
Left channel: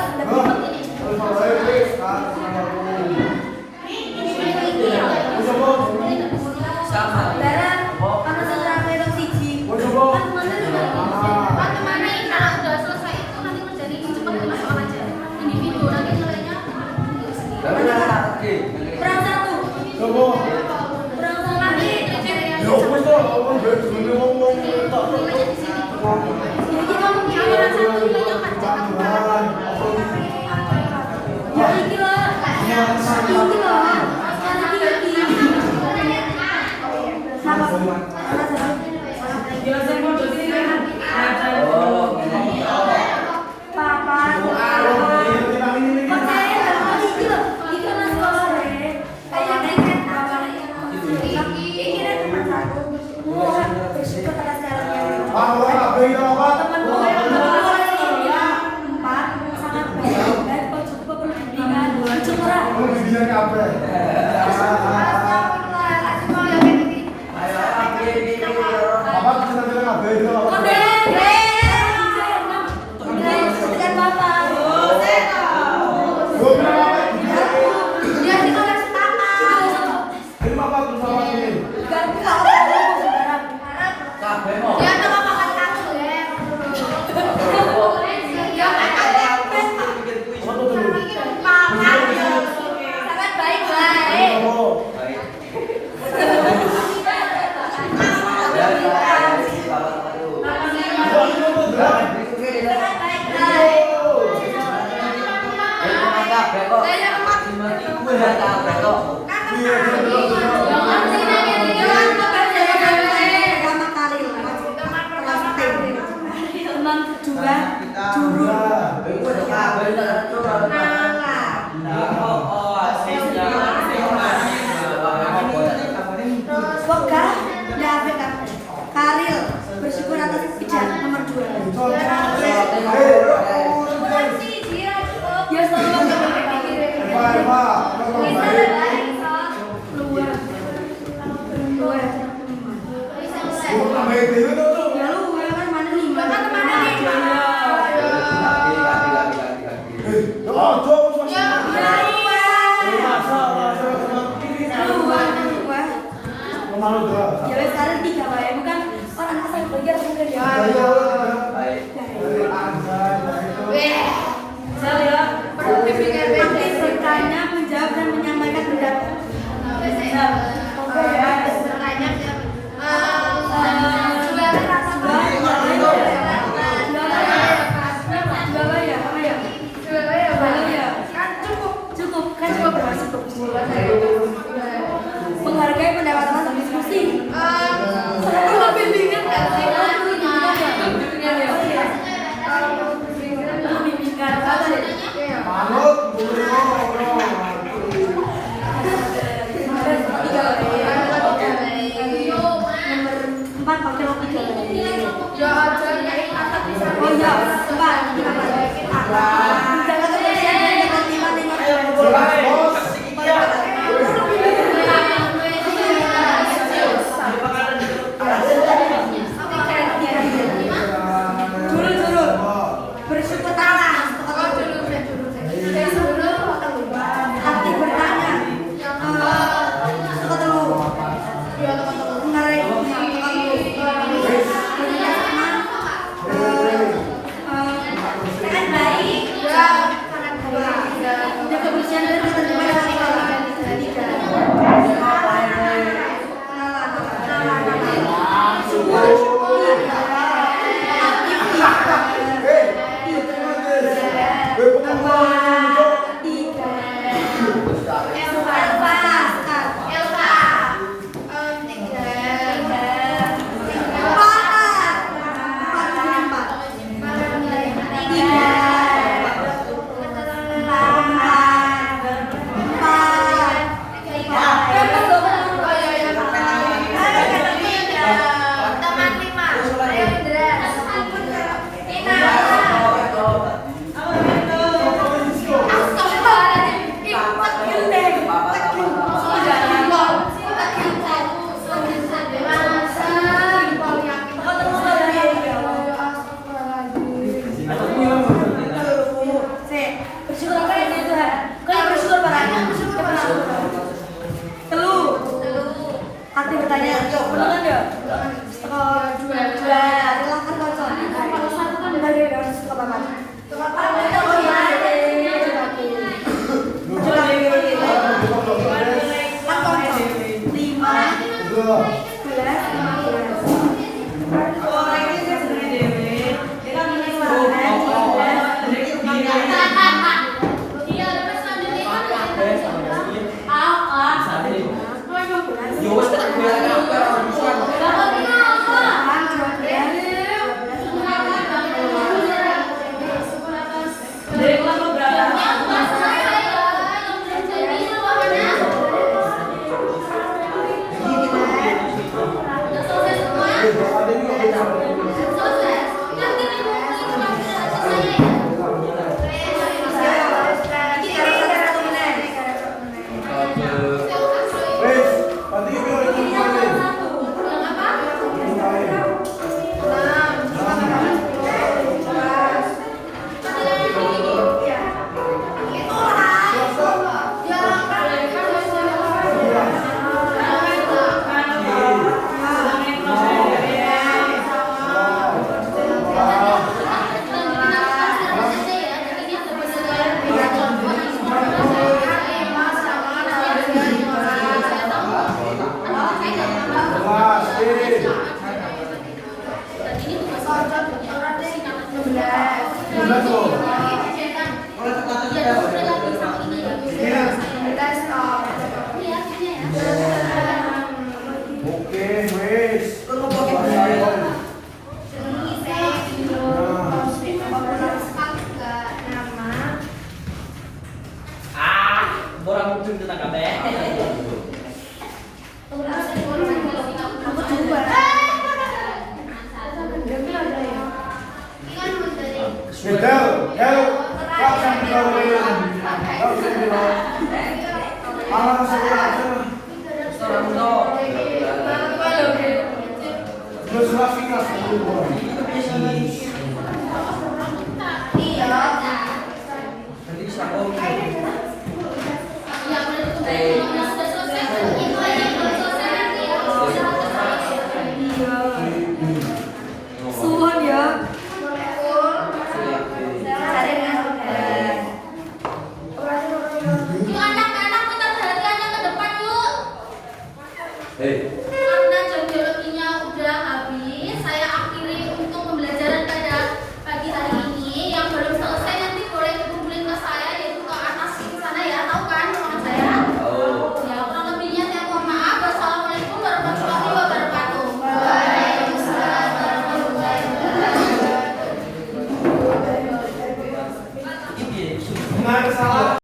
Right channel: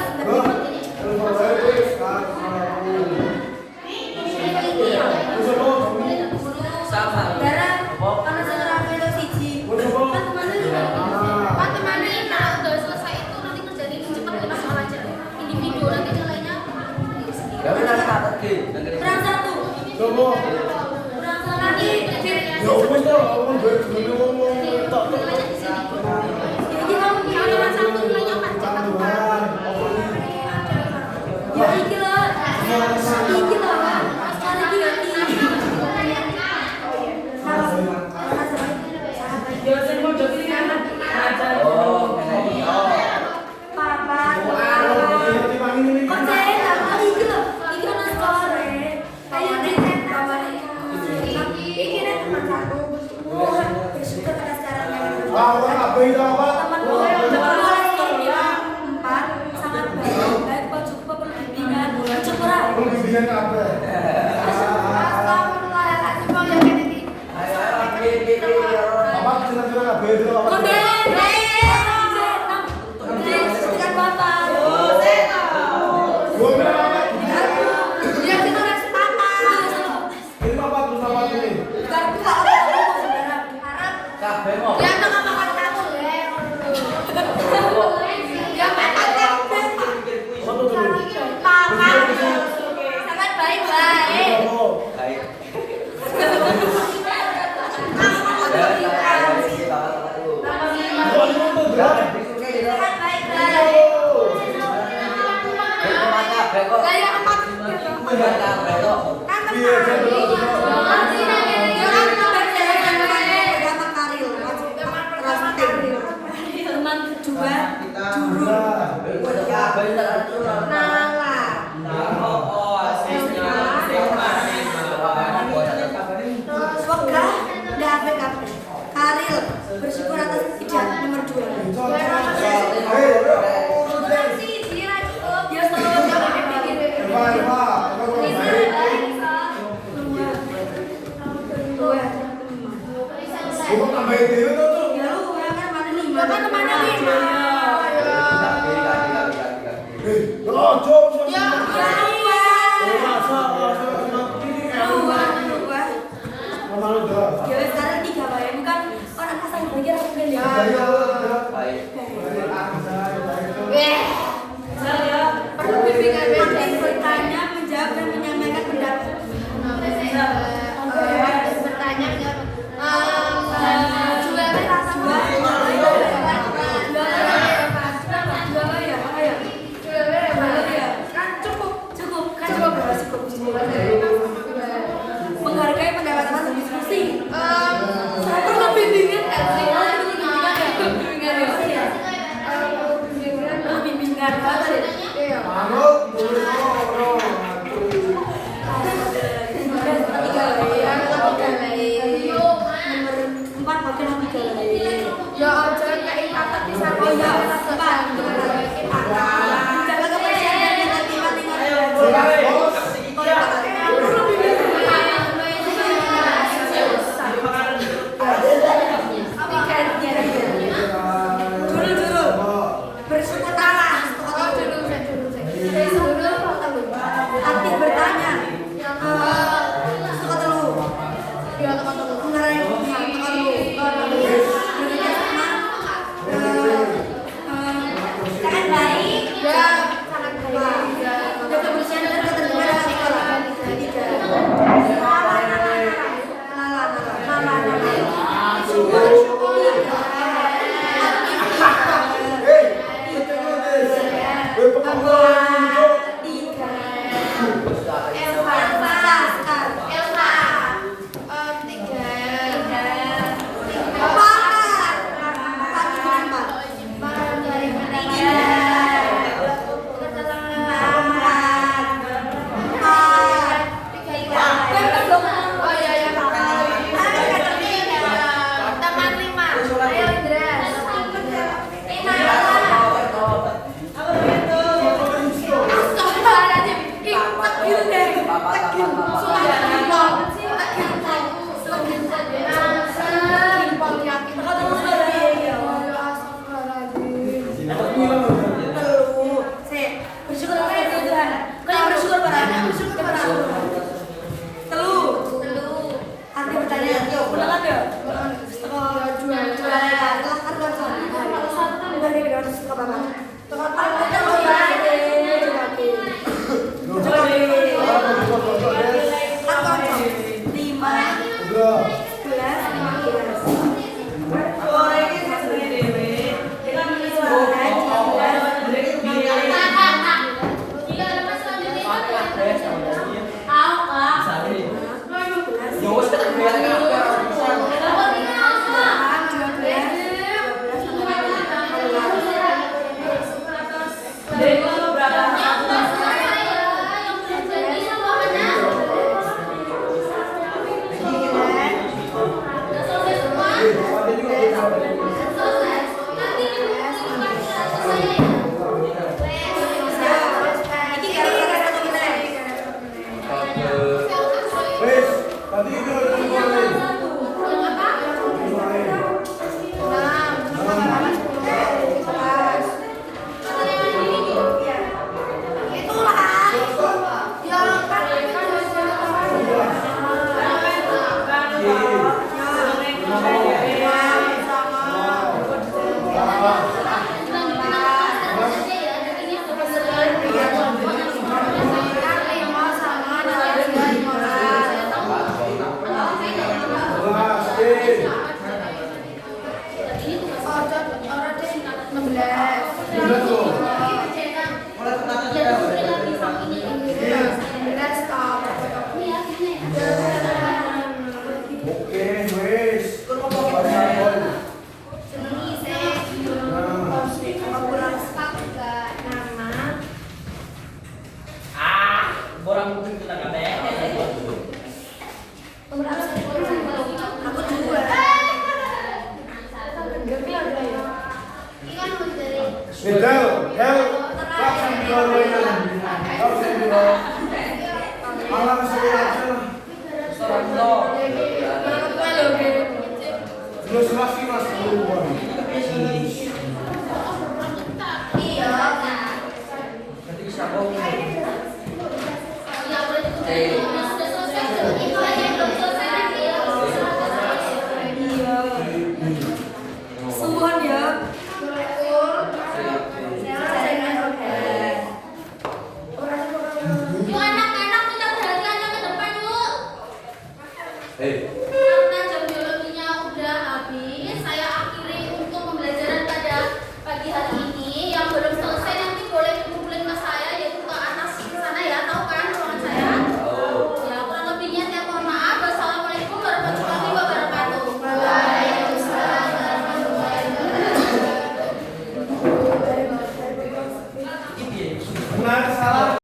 Sama. Darah. Karena setelah itu siji. Kan temannya juga. Pak temannya kalau udah selesai itu nanti menjadi cepat 5 soal aja. Individu nanti nilainya diri sendiri. Kurang satu. Kurang satu lagi. Jadi kamu Kalau satu nilainya 4 cepat. ya iki loh. Iki loh. Sekarang iki. Papa. Ya tengah makan satu ya. Ya makan sangat baik baik. Teman kedua dulu Semoga dapat Karil bersyukur atas ijazah nomor 2. Ya selamat ya sekarang 3 wae bukan orang asal belajar kemudian ya. Bertanya, menjawab dan menyampaikan pendapat. Menghargai pendapat teman diskusi. Saya pernah bimbingan nggak sih? Bimbingan banget. Nomor Sudah tuh. Malah kata-kata iya. Oke, wes. Borang muncul kita kabeh. Aku dua. Sedal, hel, langsung dilawan. Langsung dilawan. Malah sekolah sana. Orang to. Terus lagi nasi dulu.